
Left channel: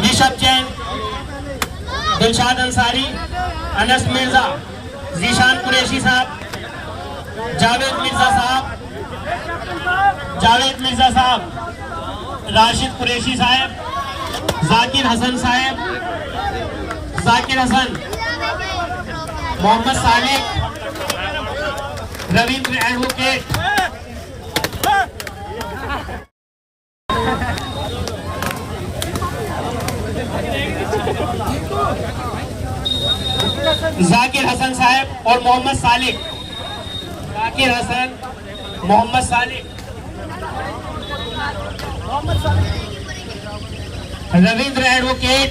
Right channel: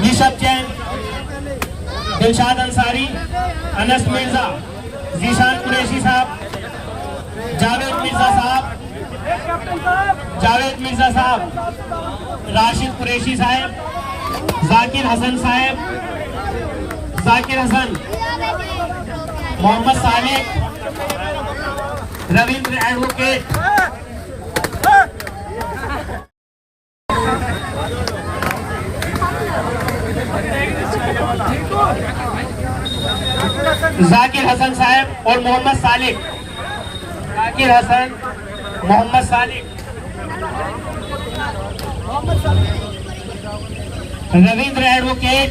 ऋषभ जैन, दिलशाद अंसारी, अनस मिर्जा, जीशान कुरैशी साहब, जावेद मिर्जा साहब, जावेद मिर्जा साहब, राशिद कुरैशी साहब, जाकिर हसन साहब, जाकिर हसन, मोहम्मद सालिक, रविंद्र एडवोकेट, जाकिर हसन साहब और मोहम्मद सालिक, जाकिर हसन, मोहम्मद सालिक, रविंद्र एडवोकेट,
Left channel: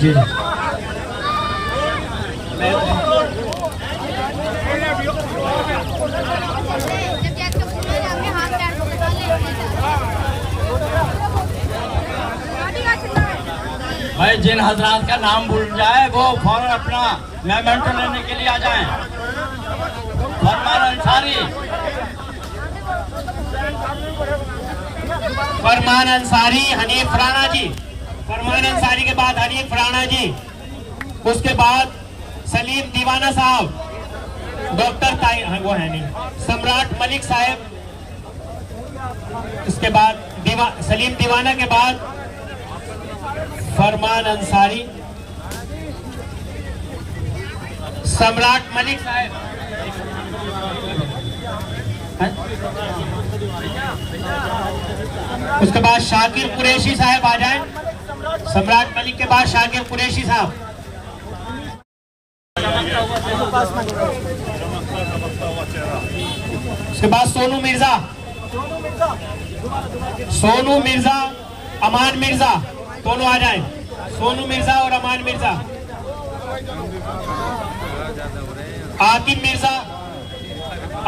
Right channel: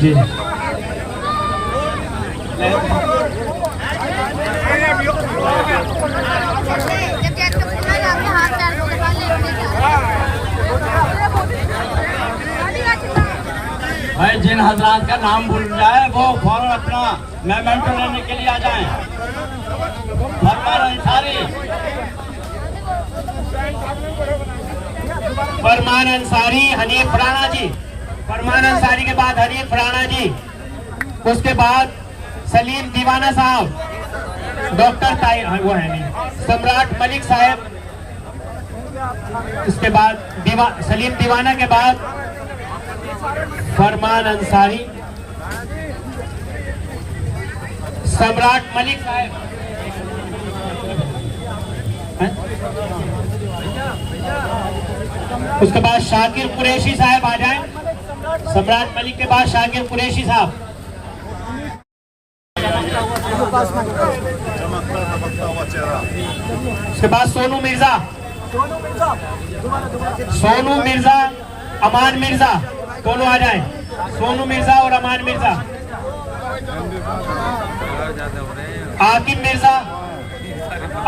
जी भाई, जिन हजरात का नाम भूल जाए वो फौरन अपना मेमेंटो लेने के लिए आ जाएं। फरमान अंसारी, फरमान अंसारी, हनीफ राणा जी, फरमान अंसारी के बाद हनीफ राणा जी, उसके बाद सलीम दीवाना साहब, डॉक्टर ताहिर, वो है नहीं, सम्राट मलिक साहब, इसके बाद सलीम दीवाना के बाद फरमान अंसारी, सम्राट मलिक साहब, उसके बाद शाकिर कुरैशी साहब आ जाए। सम्राट मलिक के बाद शाकिर कुरैशी साहब, चमकता हुआ चेहरा। उसके बाद सोनू मिर्जा, सोनू मिर्जा, अमान मिर्जा, दोनों आ जाएं। सोनू मिर्जा और अमान मिर्जा।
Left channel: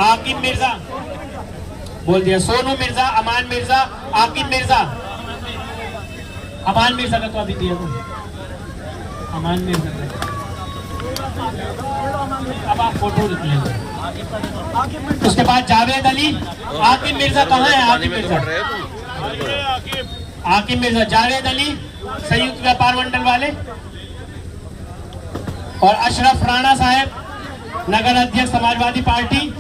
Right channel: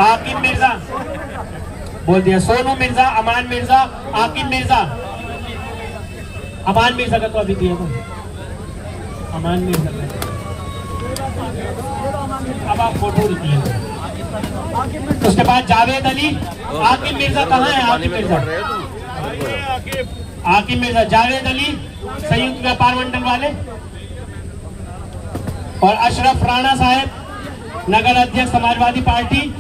आकिब मिर्जा बोल दिया, सोनू मिर्जा, अमान मिर्जा, आकिब मिर्जा। अमान मिर्जा का तो अभी दिया था, अमान मिर्जा का अब आप फोटो दिए। उसके बाद जावेद अली। आकिब मिर्जा कहाँ है? आकिब मिर्जा, जावेद अली संयुक्त व्यापार मंडल वाले, और अशरफ राणा साहब नगर अध्यक्ष समाजवादी पार्टी।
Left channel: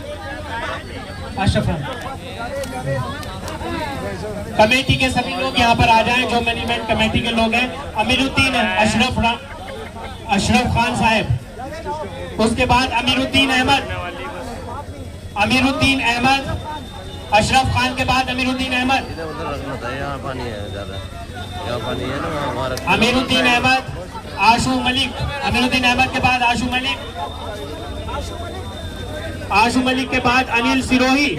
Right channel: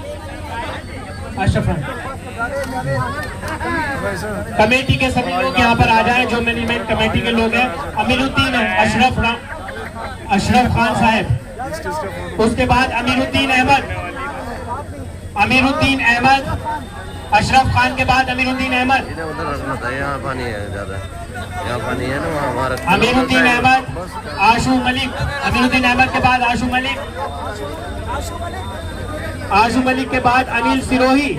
अशरफ राणा कमेटी के सभी लोग यहाँ पर आ जाएं, जो मैनेजमेंट कमेटी के लोग हैं। अमीरुद्दीन है, अशरफ खान साहब। उसके बाद अमीरुद्दीन अहमद, अशरफ खान के बाद अमीरुद्दीन अहमद। इधर उधर रखना था, यहाँ पानी है ज्यादा, यहाँ पानी है ना, हमारा अमीरुद्दीन अहमद, आशू मलिक। अमीरुद्दीन अहमद के बाद आशू मलिक के बाद अनिल सिरोही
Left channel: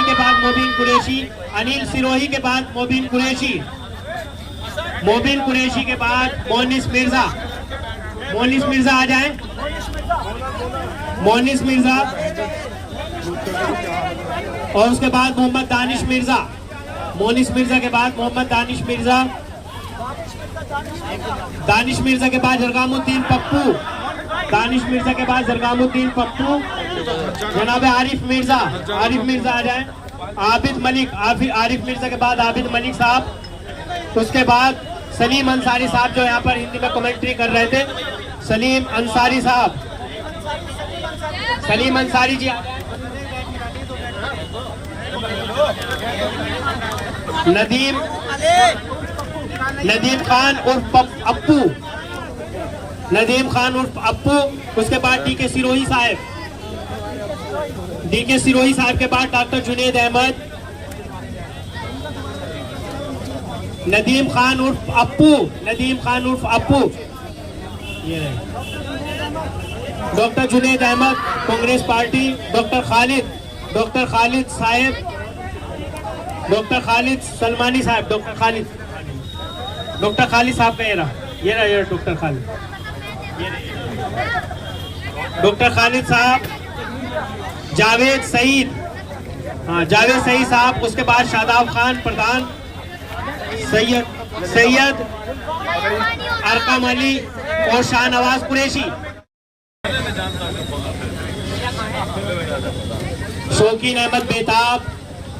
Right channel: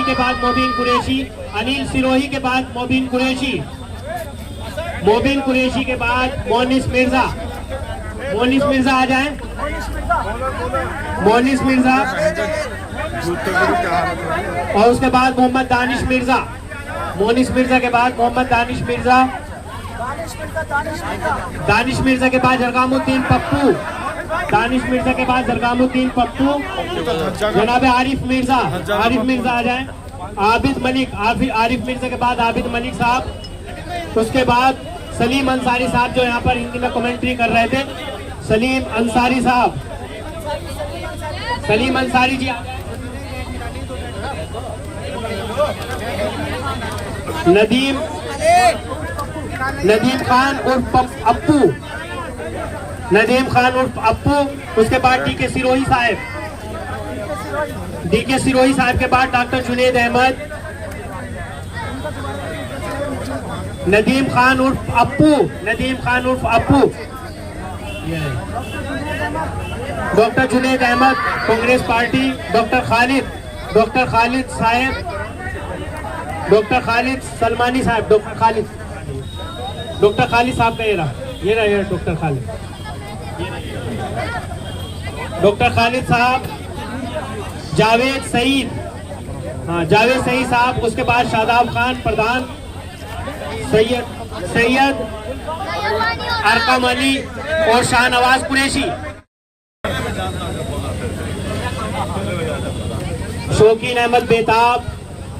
के बाद मोबिन कुरैशी, मोबिन कुरैशी के बाद मोनिस मिर्जा आ जाए। मोनिस मिर्जा, और उसके बाद मोहम्मद दानिश मिर्जा। मोनिस मिर्जा के बाद मोहम्मद दानिश मिर्जा के बाद जरगामुद्दीन पप्पू। जनाब आरिफ मिर्जा आ जाए। आबिद मलिक, आरिफ मिर्जा के बाद आबिद मलिक साहब। उसके बाद सलीम अंसारी साहब, जो यहाँ पर हिंदी में कमेंट्री कर रहे थे। सलीम अंसारी साहब, सलीम अंसारी जी। नदीम खान उर्फ अप्पू। उसके बाद डीके सिरोही साहब के बाद डॉक्टर जुनेद अहमद। नदीम खान उर्फ Appu. Doctor Junaid Ahmed Congress party. Doctor Khalid Salmani साहब। डॉक्टर खालिद साहब का ये रहा डॉक्टर खालिद साहब। जावेद सईद साहब। उसके बाद शादाब खान प्रधान। सैयद अरकम अली और शाहनवाज कुरैशी। शौकीन अहमद बेताब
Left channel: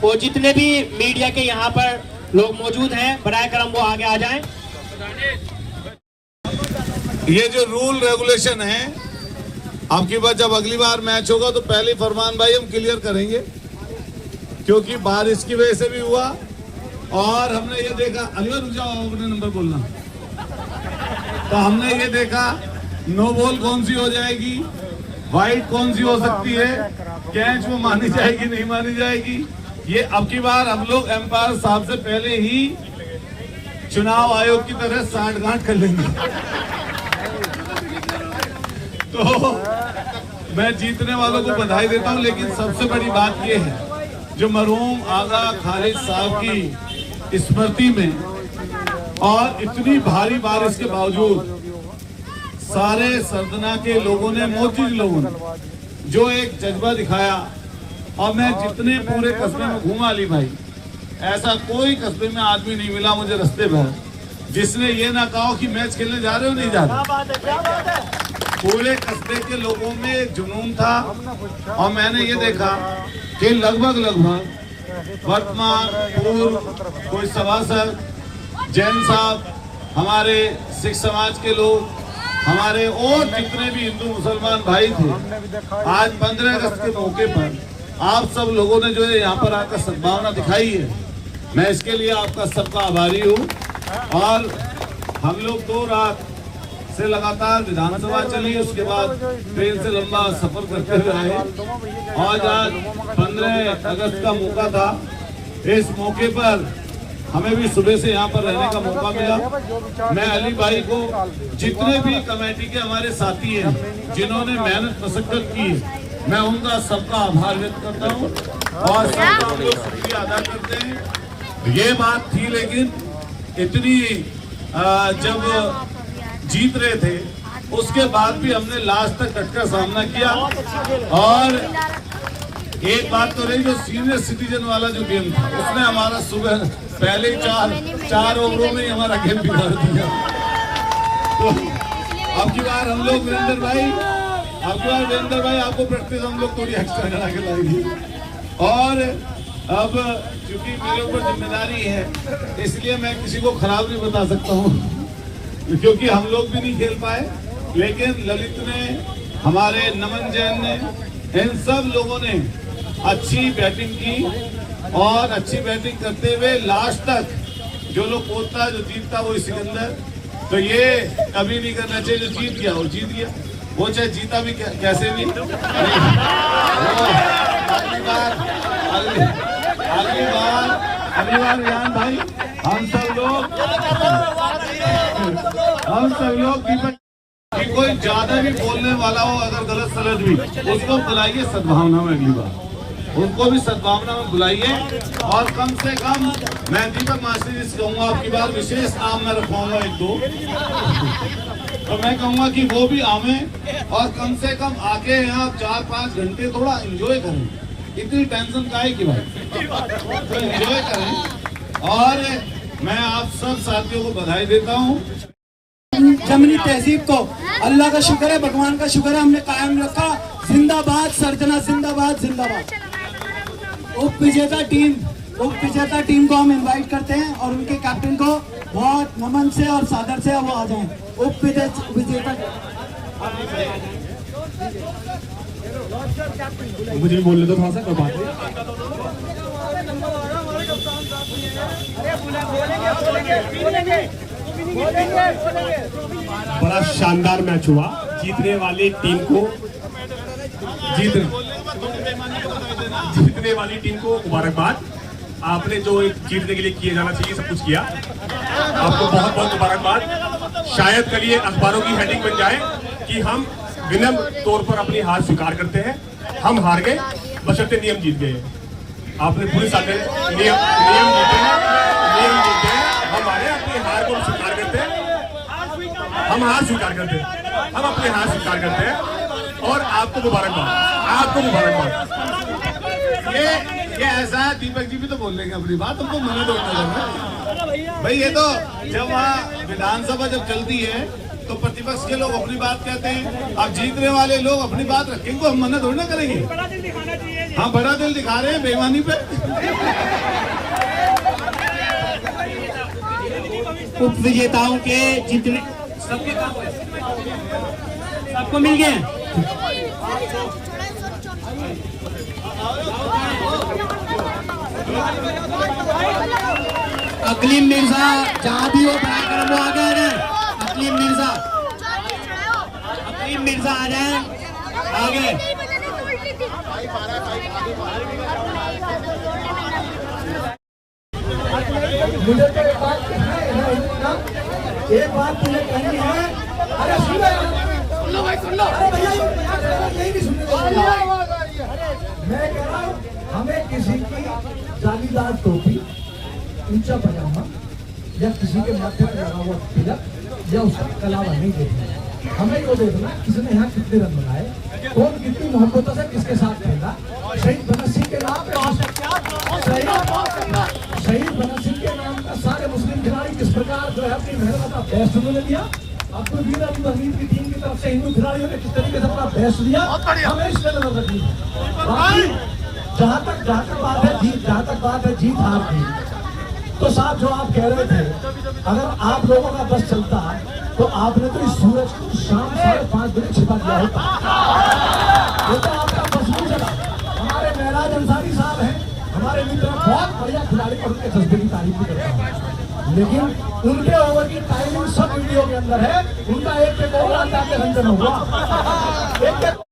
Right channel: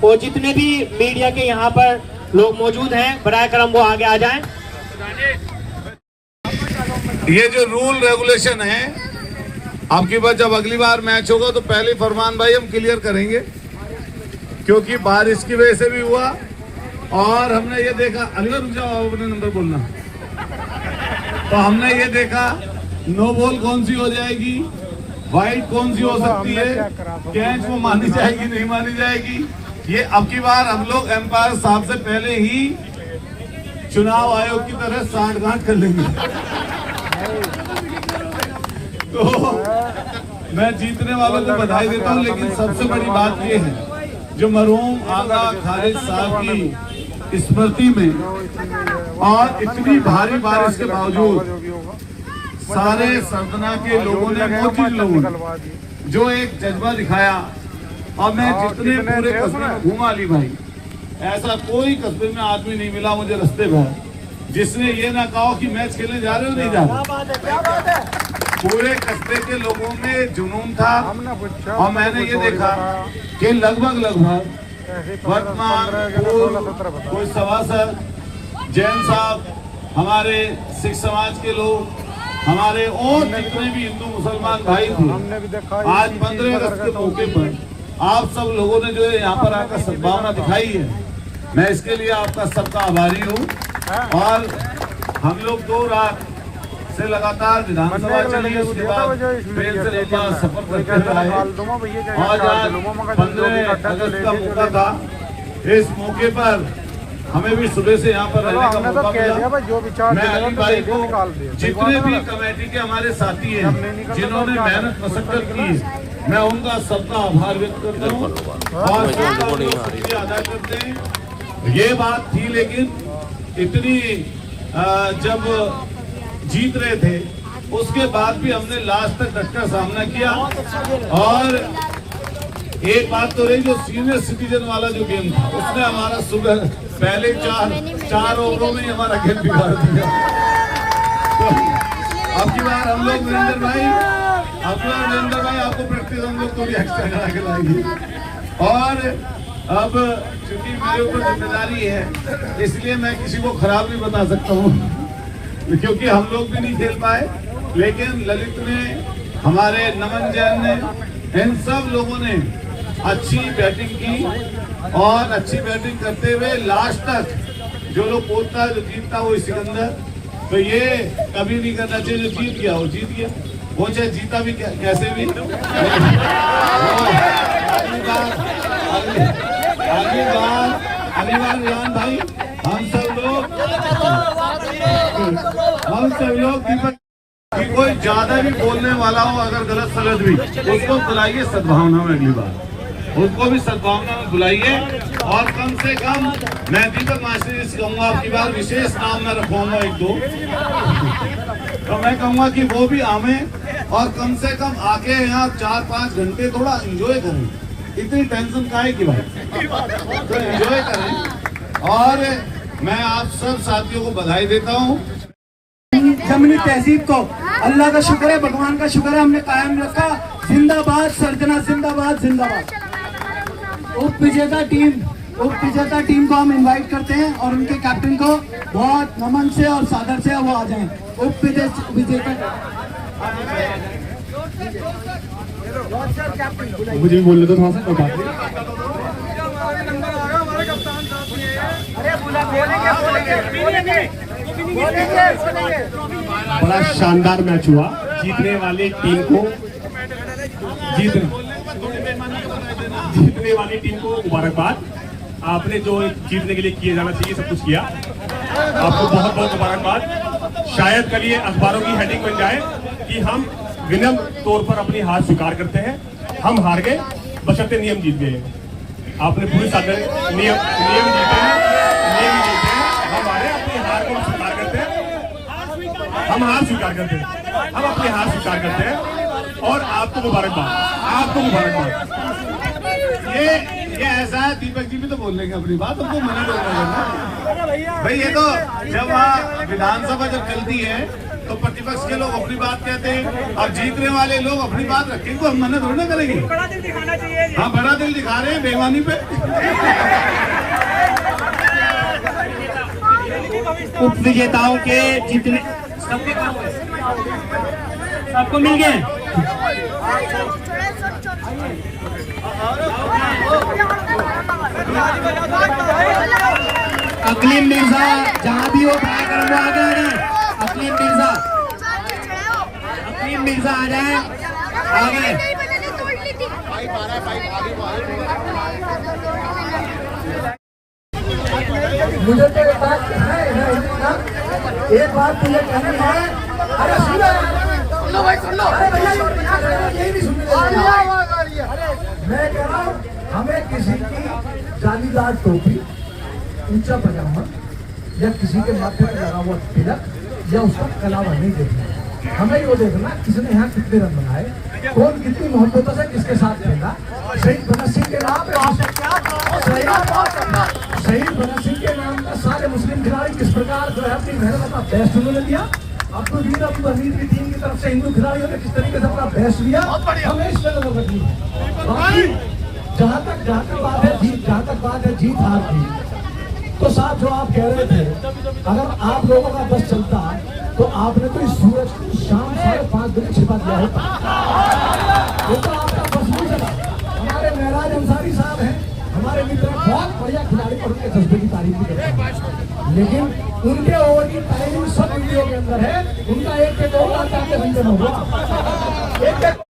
और जितने भी मीडिया के यहाँ पर लोग मौजूद हैं, बराए करम वो आगे आ जाएं। ये जो रूल रेगुलेशन है, आपकी बात जब अगली बार मैच होगा तो पहले फरमान भाई हम क्लियर करेंगे, क्योंकि बारिश की वजह से भी हुआ। और हमने ये देखा, अनवर जाओ अपने नंबर बोलना, तो हमने ये देखा नो बॉल कौन सी हो जाएगी, वाइड कौन सी हो सकती है, कैच वो मानी जाएगी नहीं मानी जाएगी। ये अब की बार हम लोग एम्पायर साहब से पहले ही चुनाव आयोग की तरह साठगांठ कर लेंगे। तो मैं जीतने वालों को बधाई देता हूं, लेकिन सबसे बड़ी बात ये है, जो मरहूम आगा खालिद साहब की स्मृति में और इतनी भारी बारिश के बावजूद सारे सरदना के लोगों ने, मोहतज लोगों ने जो एक जज्बा दिखाया, और मैं जितने पूरे कस्बे में घूमा अली भाई, ऐसा कोई कस्बे में आदमी नहीं मिला मुझे रास्ते पर जिसने ये ना कहा कि मैच खेलने जा रहे हो नहीं जा रहे। पूरे कस्बे के लोगों में जुनून था, और मैंने ये देखा कि लगभग वर्तमान पूर्व कोई सभासद, जैन साहब, हमारे सिख समाज के लोग, हमारे और जितने भी हिंदू मुसलमान भाई थे, आज 15 अगस्त के मौके पर आप सब लोगों ने जो है यहाँ पर आकर सद्भावना दिखाई है, मैं इसके लिए आपका सबका आभारी हूँ। और हम लोग 2 रात से लगातार विधानसभा चली, उसके बाद ट्रेन से लंबा सफर करते हुए आए, और आज 15 अगस्त का मौका था। इस मौके पर हमें भी सुबह से यहाँ पर रहने का मौका मिला। मैं अली भाई को, जितने भी कमेटी के हमारे साथी हैं जिन्होंने मेहनत मशक्कत की, मैं उनका सबका आभार व्यक्त करता हूँ और सबका शुक्रिया अदा करते हैं। ये बात थी, लेकिन इतनी जब जीत रहे थे, उसके बाद भी हमने लास्ट तक डटकर सामना किया। और एक बात तो रही, जो सीनियर सिटीजन वाला जो गेम था उसने हमारा सुबह पहले चार ओवरों में ही हमारा गेम बिगाड़ दिया। तो अब की बार हम लोग वीरेंद्र भाई आपको प्रैक्टिस हम लोग थोड़ी एक्स्ट्रा करा के लाएंगे। और अब चूंकि मेरे ऊपर जिम्मेदारी है, इसलिए मैं किसी को खराब नहीं बता सकता हूँ, क्योंकि हम लोग भी नहीं खेल पाए। लेकिन ललित ने, हमारे नमन जैन ने, इन सब लोगों ने अच्छी बैटिंग की और अच्छी बैटिंग करते हुए लास्ट तक जो लोग बोलता जो जीतता वो सिकंदर, तो ये कभी नहीं करना चाहिए। जो जीत गया वो जीत गया, वो चाहे जीता भी कैसे भी। अगली बार रियान भाई, हम सब लोग दीपक कि कोई ज्यादा भी बोलने वाला हो, अगर गलत सलत भी, उसको बुलाइए सद्भावना में। अगली बार उसको भी सद्भावना में बुलाइए। और कम से कम मैं दीपक मास्टर जी से कहूँगा, आपकी बार विशेष नाम मैं रखवाऊंगा एक दो, तो मैं कहूँगा कि वो भी आवे और कम से कम आके यहाँ 4-5 घंटे थोड़ा एंजॉय करें। इतनी टेंशन काहे की भाई, तो एंजॉय करें। और मैं आप सब साथियों को बधाई देता हूँ। जमीनी तहजीब को अल्लाह का शुक्र है, भगवान का शुक्र है, हमने कायम रखा। जिंदाबाद सर्जना, जिंदाबाद जिंदाबाद। उप विजेता टीम को हम इनवाइट करते हैं और उनके कैप्टन को बहुत नमन से और सादर से वो आ जाएं। उप विजेता मुझे बोलने तो थोड़ा सा बड़ा शानदार मैच हुआ। जीतने वाली टीम को मुबारकबाद। आपने जो जीतने के लिए किए जाना चाहिए सब कुछ किया, आपको बहुत बहुत मुबारकबाद। शायद कल ये अखबारों की हेडिंग बन जाए कि हम विनम्र तौर पर अपनी हार स्वीकार करते हैं, हम हार गए बशर्ते नियम जीत गए। आपने पूरे साथ नियम जीते हैं। हमारे अपनी हार को स्वीकार करते हैं, हम हार स्वीकार करते हैं, हम अपनी हार स्वीकार करते हैं। और आपको मुबारकबाद। ये ऐसा है, दीपक जी भी तो बोल लेंगे अपनी बात, तुमको मना तो करना भाई। ये तो जब वहाँ विधानसभा जब चलती है तो प्रतिपक्ष के लोग अपनी बात कहते हैं, और जीतने वाले लोग अपनी बात रखेंगे तो हम मना थोड़ी ना करेंगे। हाँ, बड़ा दिल दिखा रहे हैं बेईमानी पे। उप विजेताओं के जीतने सबको मिल गए। अकलीम मिर्जा जहाँ भी हो कार्यक्रम वो आगे आ जाए। अकलीम मिर्जा आ जाए आगे। मुझे तो एक बात मुझे कहनी है। अरे सुनो भाई, सुन लो। अरे भैया यही नहीं सुनने। मैं कह रहा हूँ, हमें किसी की जालीदार टोपी, ऊंचा पजामा या किसी के माथे पर लगा हुआ तिलक या उसका कलावा नहीं देखना। हमें वो देखना किसने यहाँ कितने रन बनाए, कौन कितनी मोहब्बतों से किसके साथ खेला। शहीद भगत सिंह के नाम शहीद भगत सिंह के नाम का सारे मुस्लिम खिलाड़ी किस प्रकार जो है अपनी मेहनत का बेस्ट उन्होंने दिया। अब्दुल हमीद की टीम की तरफ से हिंदू खिलाड़ियों ने किस तरीके से अपना बेस्ट दिया, हमें इस पर नजर रखनी है। जहाँ तक बात है जीत हार की, तो साहब जो आप कह रहे थे, अगर आप लोगों का बस चलता तो आपने तो इस सूरज को शाम 5:30 बजे छिपा दिया होता। वो तो आपका बस नहीं चला। हमारे महराज अंसारी साहब हैं, हमारे मित्र, बहुत बढ़िया खिलाड़ी और उनके जज्बे की तारीफ भी करता हूँ, लेकिन उनके ओवर की टाइमिंग सब वीडियो के अंदर है। उनका एक ओवर आता है रंजन हुआ।